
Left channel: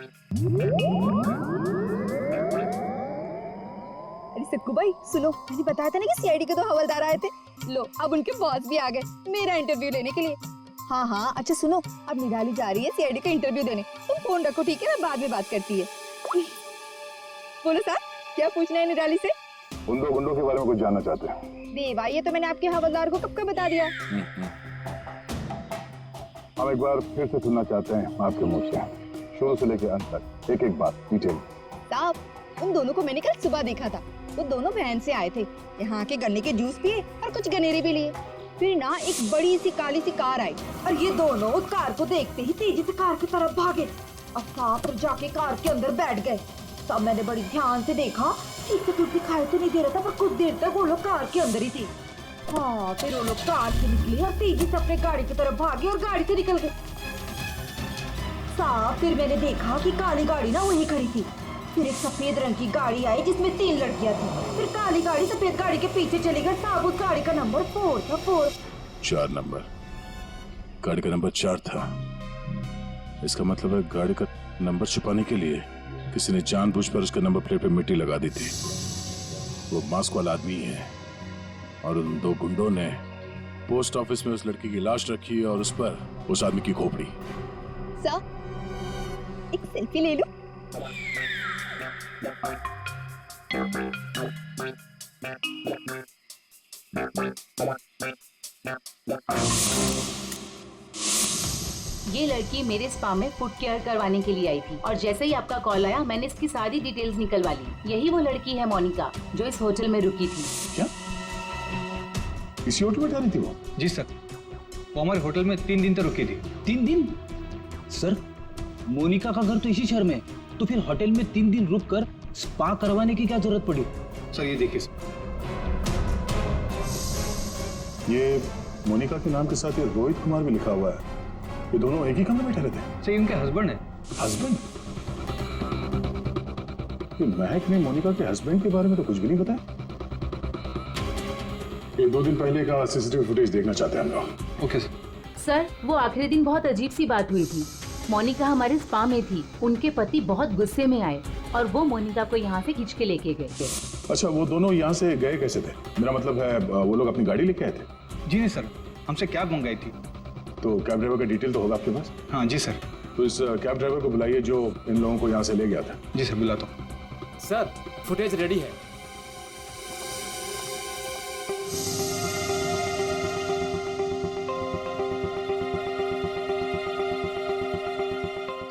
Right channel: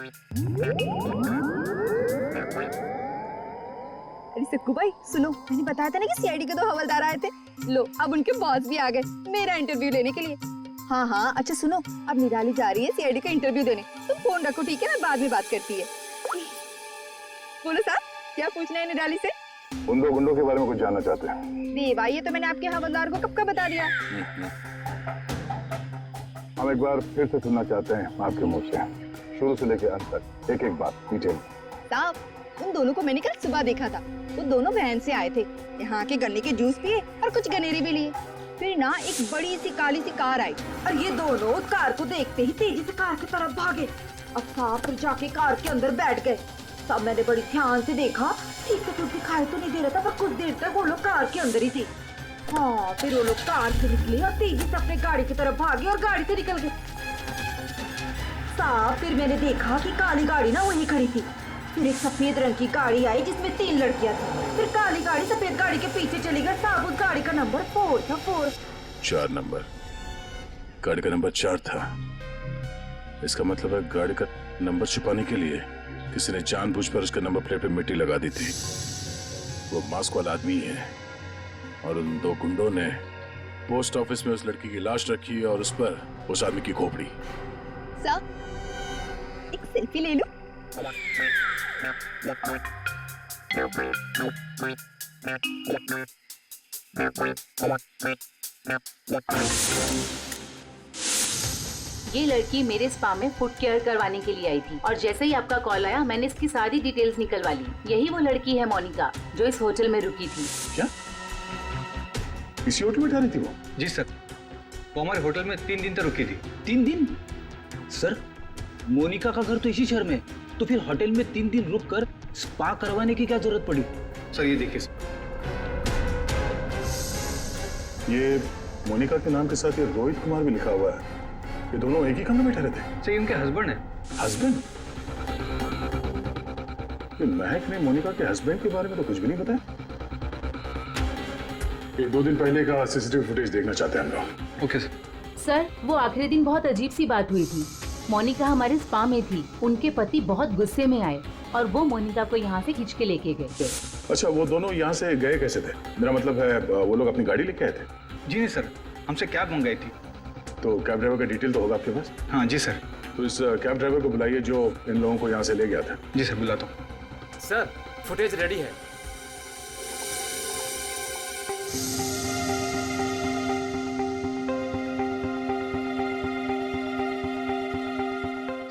अरे सक्कू भाई सुनो, मैंने बताया था ना कि सीआईडी के 2 हवलदार आए थे। लो, अब उनके बॉस भी आ गए मेरा इंटरव्यू लेने के लिए। हाँ हाँ, अच्छा सुनो, अब निराली जा रही है सीआईडी का इंटरव्यू देने। तुम फोन रखो, ठीक है? मैं बाद में बात करती है। बोलो साहब, क्या पूछना है निराली से? उन 2 गुंडों के बारे में कुछ जानना चाहते हैं। देवा, ये तो मैंने आपके हवलदार को कब का बता दिया। हम एक बार फिर से सुनना चाहते हैं आपके मुंह से, शुरू से लेकर अंत तक, एक एक बात डिटेल। साहब, उन दोनों को मैंने कल सुबह देखा था। वो दोनों बहन से आए थे, यहाँ के गन्ने के जूस पिए और कुछ गनेरे भी लिए। फिर ना एक बड़ी सी काली सी कार आई और ये दोनों उस कार को देखते ही तेजी से कार की तरफ भागे और साफ जाके कार के अंदर बैठ गए। तब मैंने बड़ी ध्यान से देखा, ठीक से कुछ दिखाई तो नहीं दे रहा था, पर कुछ देर तक वो लोग कार के अंदर ही थे। हाँ, फिर वो लोग कार से निकले और तेजी से अपने गाड़ी की तरफ भागे और गाड़ी से निकल गए। साहब, फिर मैंने देखा कि काली गाड़ी ना वहीं खड़ी थी। फिर एक सफेद रंग की गाड़ी आई जिसमें 3 लड़कियां थी। फिर काली गाड़ी सफेद गाड़ी के पीछे चली गई। साहब, उस गाड़ी का नंबर 4 था। 4 नंबर, गाड़ी का नंबर 4 था। इसका मतलब है गाड़ी का नंबर छुपाने के लिए किसी ने जानबूझकर उसके नंबर प्लेट पे मिट्टी लगा दी थी। वो मास्क वाला आदमी है और उन 2 गुंडों ने पोस्ट ऑफिस में उस लड़की की लाश रखी और उस पर उस आदमी की खोपड़ी। सर, एक सेल्फी ले लो। ये लड़की मेरे स्पा में फुट केयर करवाने के लिए आई थी और जैसे ही आपका कॉल आया मैंने इसकी सारी डिटेल्स निकलवा ली। यही वो लड़की है मोनिका जो इस होटल में रुकी थी। क्या इसी होटल में ठहरी थी वो? जी सर, वो हमारे होटल में 3 दिन तक रुकी थी। 3 दिन? सर, मोनिका का घर तो इसी शहर में, तो फिर होटल में 3 दिन रुककर स्पा करवाने की क्या जरूरत पड़ी? सर ये देखिए, ये मोनिका के नाम के साथ ये रोहित कुमार भी लिखा हुआ है। ये दोनों एक ही कमरे में ठहरे थे? सर, इनके हस्बैंड है। हस्बैंड? ये महक ने मोनिका के हस्बैंड के बारे में तो कुछ भी नहीं बताया। ये 2 दिन पहले का सीसीटीवी फुटेज देखना चाहते हैं हम लोग। Okay sir. सर, वो आखिरी दिन बहुत अजीब सी बात हुई थी। मोनिका हमारे स्पा में थी, उनके पति बहुत गुस्से में आए और वो मोनिका को यहाँ से खींच के लेके गए। अच्छा, वो दोनों यहाँ से गए कैसे थे? मेरा मतलब है वो लोग अपनी गाड़ी लेके आए थे? जी नहीं सर, हमसे कैब मंगाई थी। तो कैब ड्राइवर का डिटेल तो होगा आपके पास? हाँ जी सर। तो इस कैब ड्राइवर को बुलाइए जो इन लोगों को यहाँ से ले गया था। जी सर, बुलाता हूँ। सर, फुटेज रेडी है।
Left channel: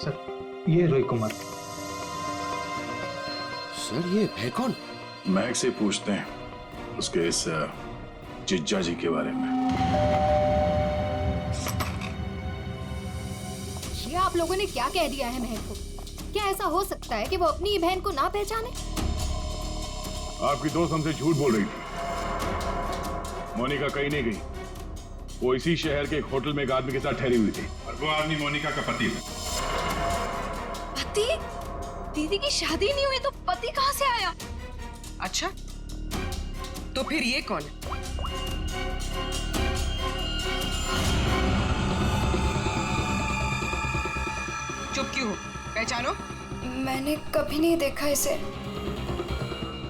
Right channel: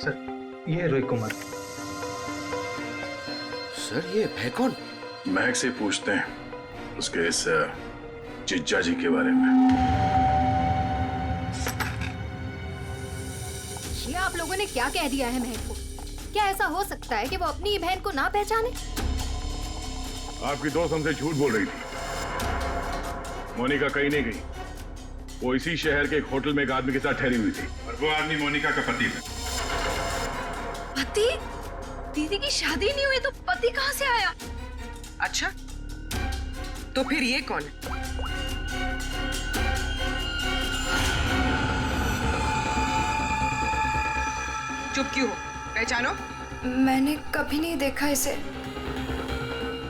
सर, ये रोहित कुमार। सर, ये है कौन? महक से पूछते हैं उसके इस जिज्जा जी के बारे में। ये आप लोगों ने क्या कह दिया है महक को? क्या ऐसा हो सकता है कि वो अपनी बहन को ना पहचाने? आपकी दोस्त हमसे झूठ बोल रही थी। मोनिका कहीं नहीं गई। वो इसी शहर के एक होटल में एक आदमी के साथ ठहरी हुई थी और वो आदमी मोनिका का पति है। पति? दीदी की शादी नहीं हुई तो पति कहाँ से आया? अच्छा, तो फिर ये कौन है? चुप क्यों हो? पहचानो। मैंने कभी नहीं देखा इसे।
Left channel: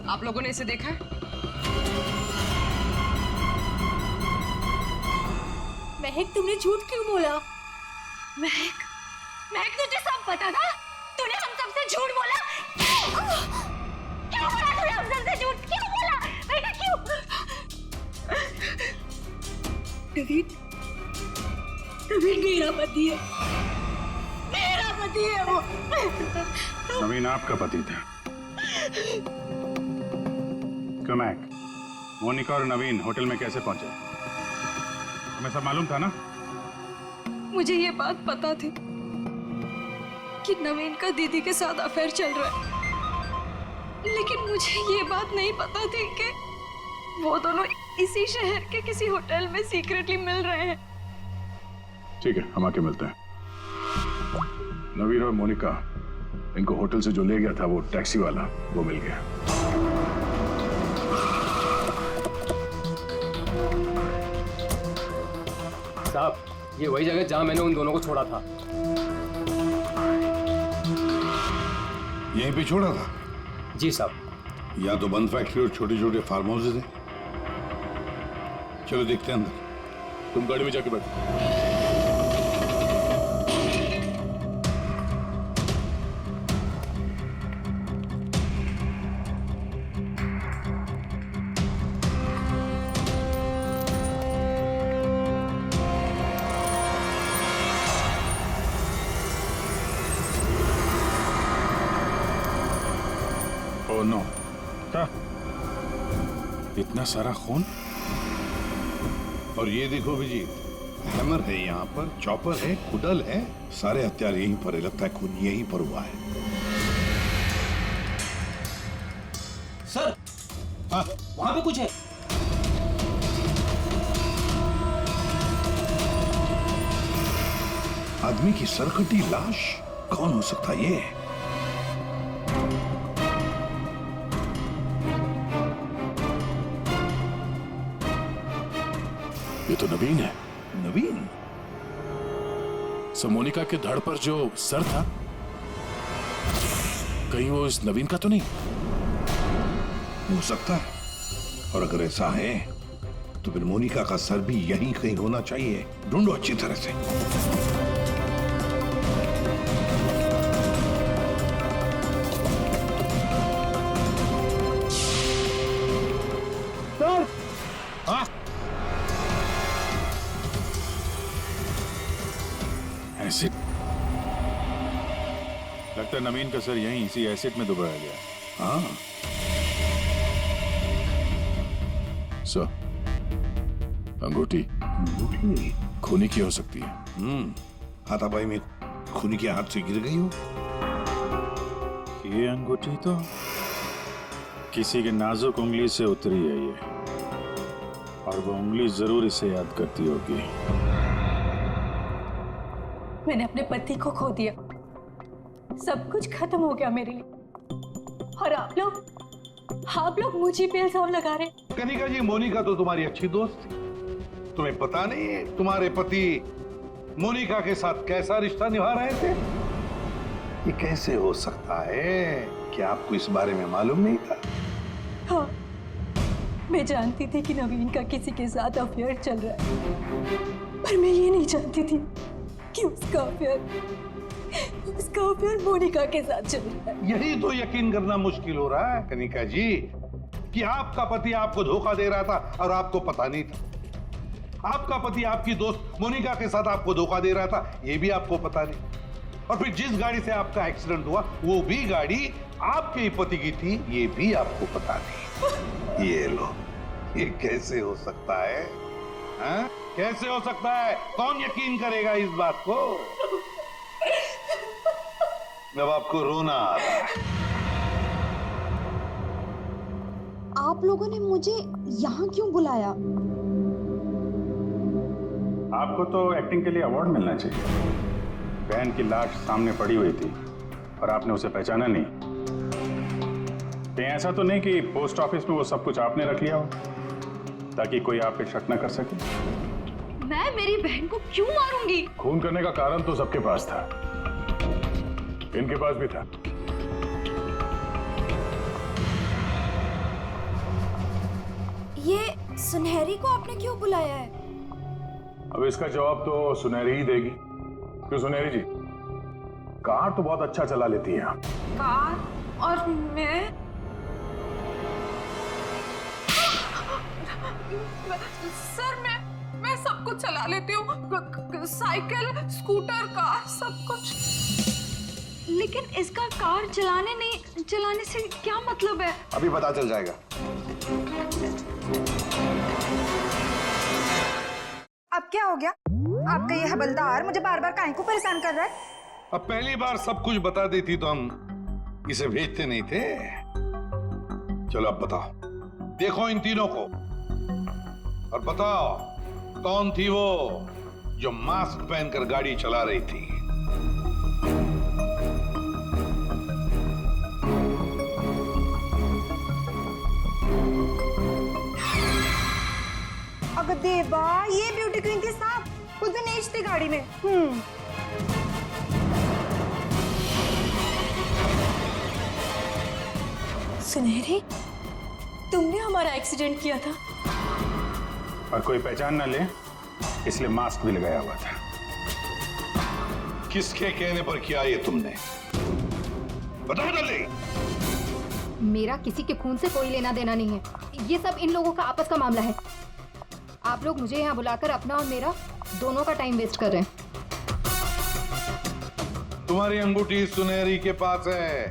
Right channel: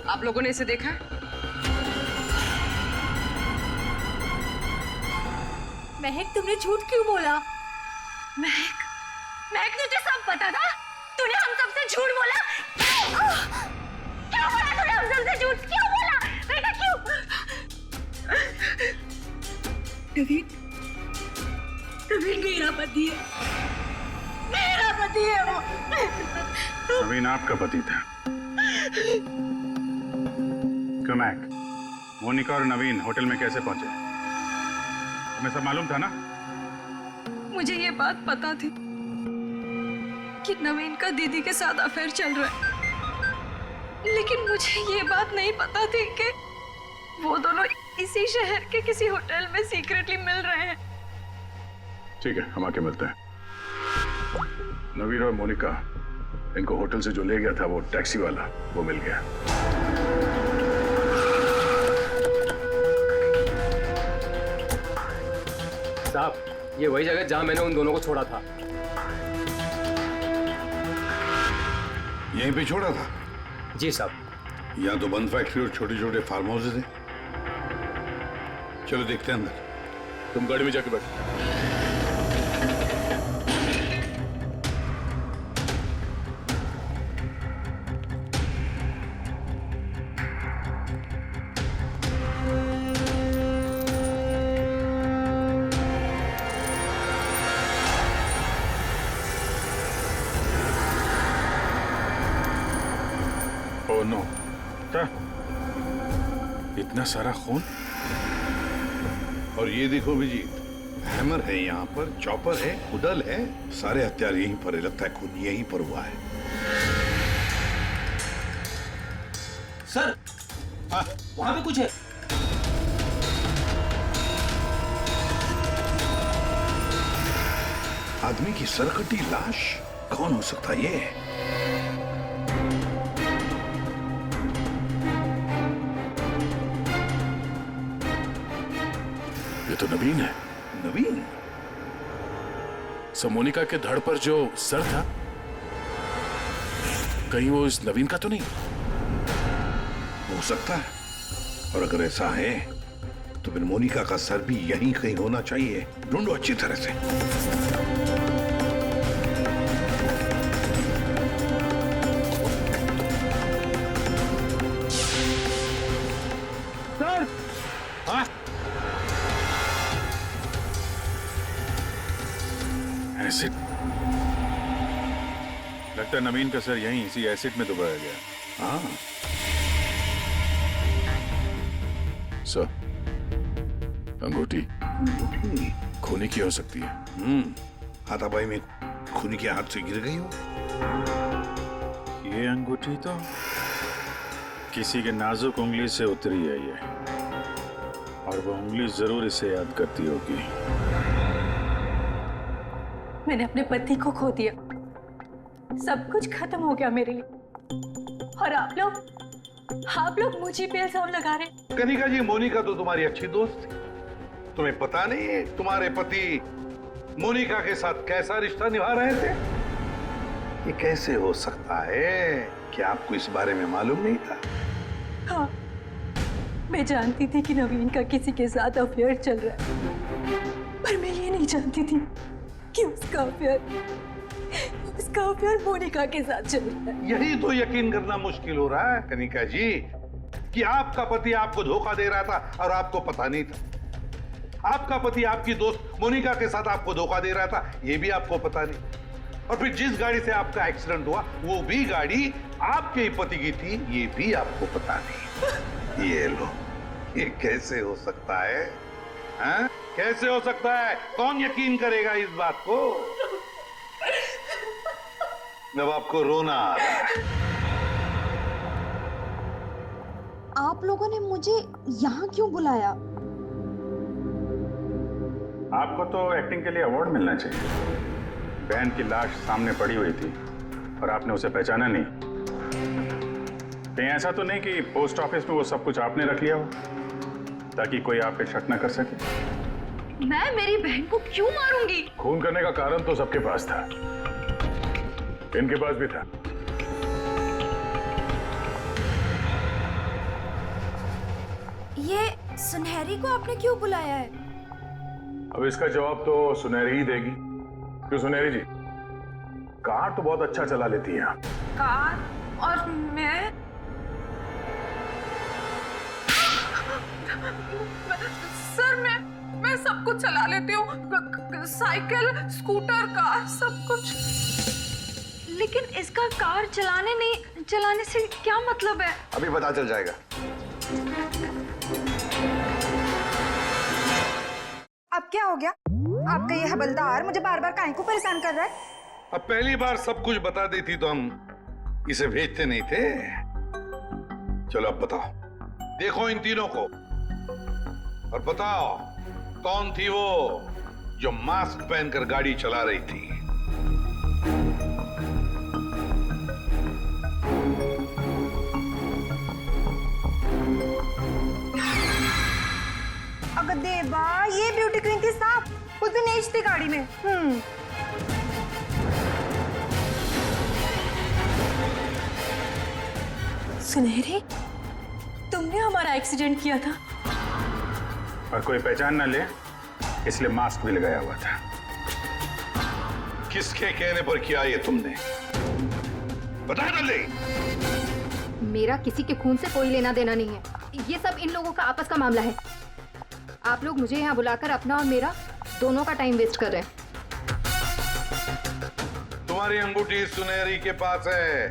आप लोगों ने इसे देखा है? महक, तुमने झूठ क्यों बोला? महक, महक, तुझे सब पता था? तूने हम सबसे झूठ बोला? क्यों बोला तूने हम सबसे झूठ? क्यों बोला? बेटा क्यों? नवीन, नवीन मेरा पति है। मेरा पति है वो। नवीन आपका पति था? क्यों महक, मोनिका और नवीन होटल में कैसे पहुंचे? तुम्हें सब मालूम था ना? मुझे ये बात पता थी कि नवीन का दीदी के साथ अफेयर चल रहा है, लेकिन मुझे ये बात नहीं पता थी कि वो दोनों इसी शहर के किसी होटल में सीक्रेटली मिल रहे हैं। ठीक है, हम आके मिलते हैं। नवीन और मोनिका, इनको होटल से जो ले गया था वो टैक्सी वाला, वो मिल गया। साहब, ये वही जगह जहां मैंने उन दोनों को छोड़ा था। यहीं पे छोड़ा था? जी साहब। यहाँ तो बंद फैक्ट्री और छोटे छोटे फार्म हाउसेज हैं। चलो देखते हैं अंदर। तुम गाड़ी में जाके बैठो। ओह नो, क्या? इतना सारा खून? और ये देखो अभिजीत, हैमर है यहाँ पर, चॉपर है, कुडल है, सारे हथियार यहीं पर है। लगता है खून यहीं पर हुआ है। सर, वहां पे कुछ है। आदमी की सरकटी लाश? कौन हो सकता है ये? ये तो नवीन है। नवीन? मोनिका के धड़ पर जो सर था, कहीं वो इस नवीन का तो नहीं? हो सकता है, और अगर ऐसा है तो फिर मोनिका का सर भी यहीं कहीं होना चाहिए। ढूंढो अच्छी तरह से। सर! हाँ? एसिड। लगता है नवीन का सर यहीं इसी एसिड में डुबाया गया। हाँ। सर, अंगूठी खूनी की हो सकती है। हाथापाई में खूनी के हाथ से गिर गई हो। ये अंगूठी तो किसी के नाजुक उंगली से उतरी है ये, और वो उंगली जरूर इसे याद करती होगी। मैंने अपने पति को खो दिया, सब कुछ खत्म हो गया मेरे लिए, और आप लोग मुझे पे इल्जाम लगा रहे। कनिका जी, मोनिका तो तुम्हारी अच्छी दोस्त थी। तुम्हें पता नहीं है तुम्हारे पति मोनिका के साथ कैसा रिश्ता निभा रहे थे? ये कैसे हो सकता है? क्या आपको इस बारे में मालूम नहीं था? हाँ, मैं जानती थी कि नवीन का किसी के साथ अफेयर चल रहा है, पर मैं ये नहीं जानती थी कि उसका अफेयर मोनिका के साथ चल रहा है। यही तो यकीन करना मुश्किल हो रहा है कनिका जी, कि आपका पति आपको धोखा दे रहा था और आपको पता नहीं था। आपका पति आपकी दोस्त मोनिका के साथ आपको धोखा दे रहा था, यह भी आपको पता नहीं। और फिर जिस गाड़ी से आपका एक्सीडेंट हुआ वो भी गाड़ी आपके ही पति की थी, ये भी आपको पता नहीं। ये लो, ये कैसे हो सकता है? हाँ? कैसे हो सकता है? कौन यकीन करेगा इस बात को? अब आपको रोना आ रहा है। आप लोगों ने मुझे यहाँ क्यों बुलाया? आपको तो एक्टिंग के लिए अवार्ड मिलना चाहिए। बहन की लाश सामने पड़ी हुई थी और आपने उसे पहचाना नहीं। कहीं ऐसा तो नहीं कि पोस्ट ऑफिस में वो सब कुछ आपने रख लिया हो ताकि कोई आप पे शक न कर सके? मैं मेरी बहन को क्यों मारूंगी? खून करने का कारण तो सबके पास था, इनके पास भी था। ये सुनहरी को आपने क्यों बुलाया है? अब इसका जवाब तो सुनहरी ही देगी। क्यों सुनहरी जी, कार तो बहुत अच्छा चला लेती हैं आप। कार और मैं? सर मैं सब कुछ चला लेती हूँ, साइकिल, स्कूटर, कार, सब कुछ। लेकिन इसका कार चलाने से क्या मतलब है? अभी पता चल जाएगा। अब क्या हो गया? आपका ये हवलदार मुझे बार बार काहे को परेशान कर रहा है? अब पहली बार सब कुछ बता देती तो हम इसे भेजते नहीं थे। चलो अब बताओ, देखो इन तीनों को और बताओ कौन थी वो जो मास्क पहनकर गाड़ी चला रही थी? अगर देवा, ये ब्यूटी क्वीन थी साहब, उस दिन एज थी गाड़ी में। सुनहरी, तुमने हमारा एक्सीडेंट किया था और कोई पहचान ना ले इसलिए मास्क भी लगाया हुआ था। किसके कहने पर किया ये तुमने? बता दे। मेरा किसी के खून से कोई लेना देना नहीं है, ये सब इन लोगों का आपस का मामला है। आप लोग मुझे यहाँ बुलाकर अपना और मेरा दोनों का टाइम वेस्ट कर रहे हैं। तुम्हारी अंगूठी सुनहरी के पास है।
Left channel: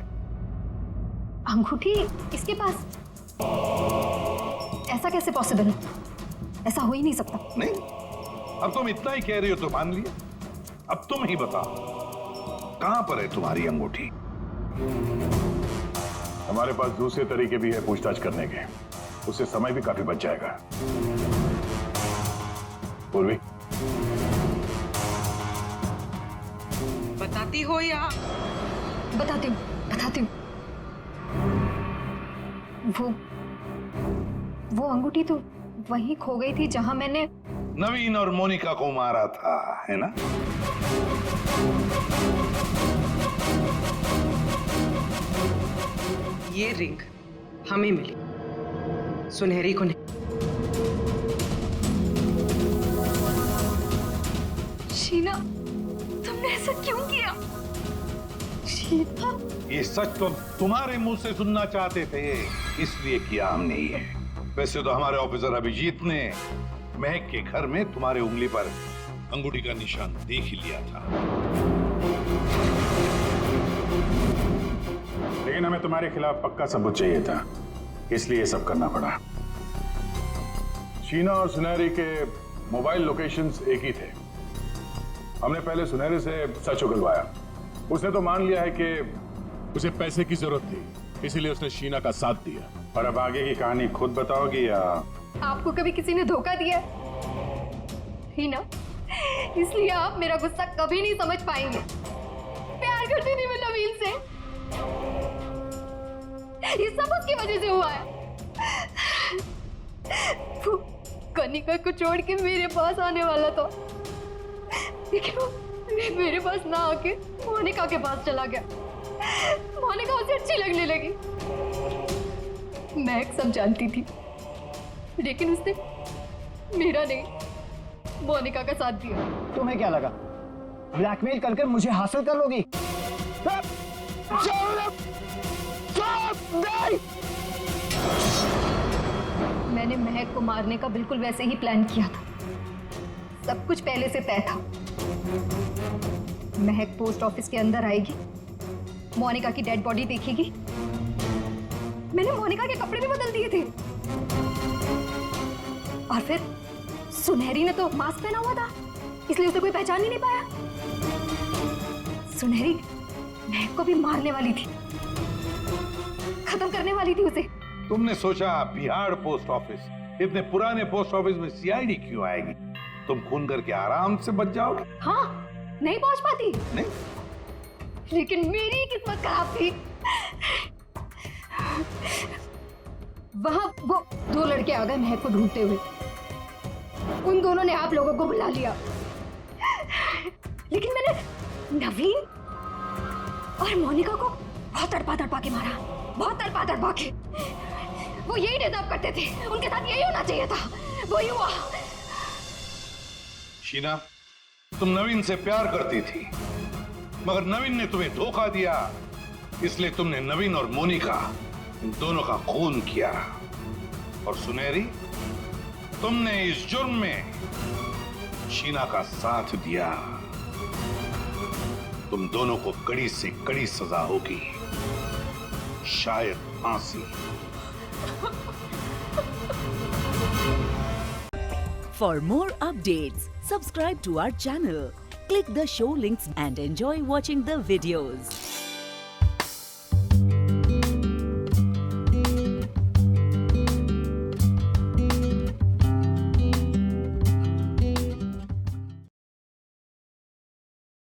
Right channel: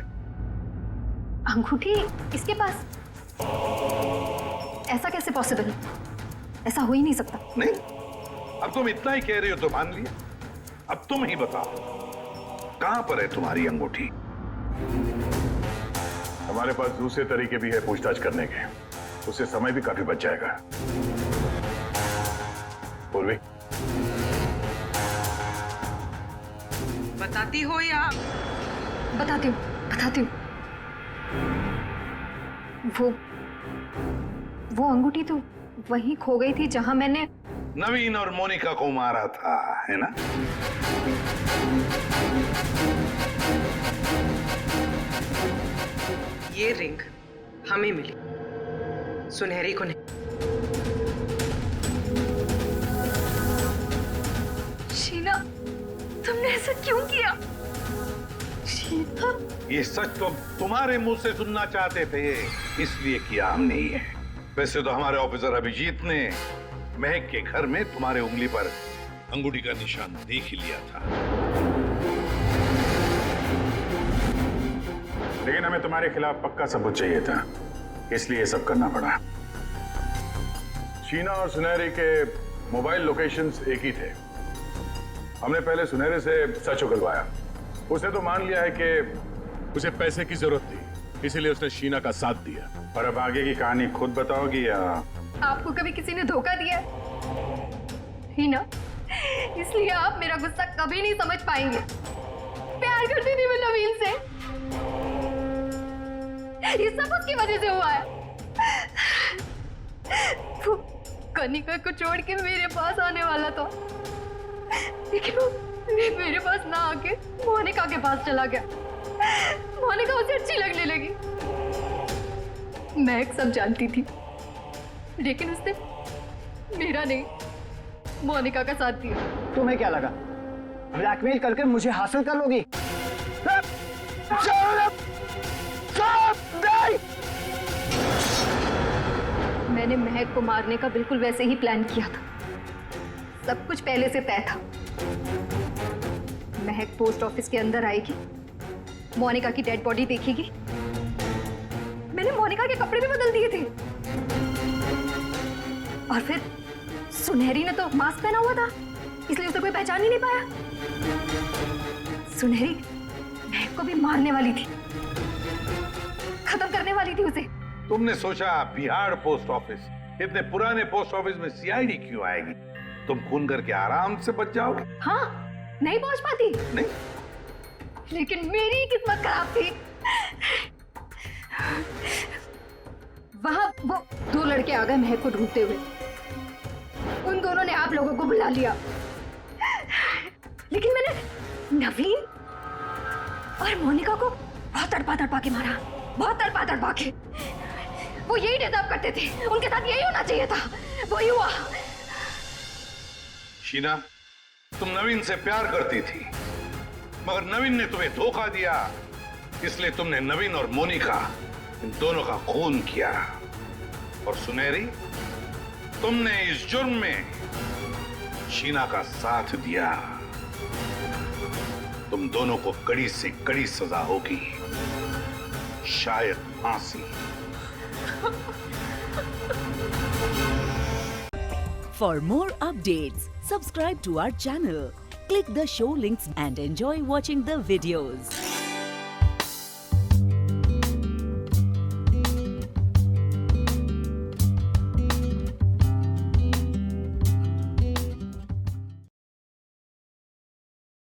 अंगूठी इसके पास? ऐसा कैसे पॉसिबल है? ऐसा हो ही नहीं सकता। नहीं, अब तुम इतना ही कह रही हो तो मान लिया। अब तुम ही बताओ, कहां पर है तुम्हारी अंगूठी? हमारे पास दूसरे तरीके भी है पूछताछ करने के, उससे समय भी काफी बच जाएगा। पूर्वी, बताती हो या? बताती हूँ। वो अंगूठी तो वहीं खो गई थी जहां मैंने नवीन और मोनिका को मारा था, है ना? ये रिंग हमें मिली, सुनहरी को नहीं। शीना, तुमने ऐसा क्यों किया? शीना, ये सच तो तुम्हारे मुंह से सुनना चाहते थे, इसलिए किया हमने ये। वैसे तो हमारे ऑफिसर अभिजीत ने महक के घर में तुम्हारे उंगली पर अंगूठी का निशान देख ही लिया था। लेकिन हमें तुम्हारे खिलाफ पक्का सबूत चाहिए था, इसलिए ये सब करना पड़ा। शीना और सुनहरी के मोबाइल लोकेशंस एक ही थे। हमने पहले सुनहरी से सच उगलवाया। उसने तो मान लिया है कि उसे पैसे की जरूरत थी, इसीलिए उसने शीना का साथ दिया। और अब आगे की कहानी खुद बताओगी या? आपको कभी किसी ने धोखा दिया ही ना, इसलिए आप मेरा गुस्सा कभी नहीं समझ पाएंगे। प्यार करती थी मैं नवीन से, ये सब उसकी वजह से हुआ है। वो कनिका को छोड़ के मेरे पास आने वाला था, लेकिन वो मेरे पास ना आके मोनिका के पास चला गया। मोनिका उसे अच्छी लगने लगी। महक सब जानती थी, लेकिन उसने मेरा नहीं, मोनिका का साथ दिया। तुम्हें क्या लगा ब्लैकमेल करके मुझे हासिल कर लोगी? मैंने महक को मारने का बिल्कुल वैसे ही प्लान किया था। सब कुछ पहले से तय था। महक पोस्ट ऑफिस के अंदर आएगी, मोनिका की डेड बॉडी देखेगी। मैंने मोनिका के कपड़े भी बदल दिए थे। और फिर सुनहरी ने तो मास्क पहना हुआ था, इसलिए उसे कोई पहचान ही नहीं पाया। सुनहरी महक को भी मारने वाली थी, खत्म करने वाली थी उसे। तुमने सोचा बिहार पोस्ट ऑफिस, इतने पुराने पोस्ट ऑफिस में सीआईडी क्यों आएगी? तुम खून करके आराम से बच जाओगे। हाँ, नहीं पहुंच पाती। नहीं, लेकिन मेरी किस्मत खराब थी। वहां वो दो लड़के आ गए महक को ढूंढते हुए। उन दोनों ने आप लोगों को बुला लिया, लेकिन मैंने नवीन और मोनिका को बहुत तड़पा के मारा, बहुत तड़पा के। वो यही डिजर्व करते थे, उनके साथ यही होना चाहिए था, वही हुआ। शीना, तुम नवीन से प्यार करती थी, मगर नवीन ने तुम्हें धोखा दिया, इसलिए तुमने नवीन और मोनिका इन दोनों का खून किया। और सुनहरी, तुमने इस जुर्म में शीना का साथ दिया। तुम दोनों को कड़ी से कड़ी सजा होगी, शायद फांसी। For more updates, subscribe to our channel, click the show links and enjoy watching the videos.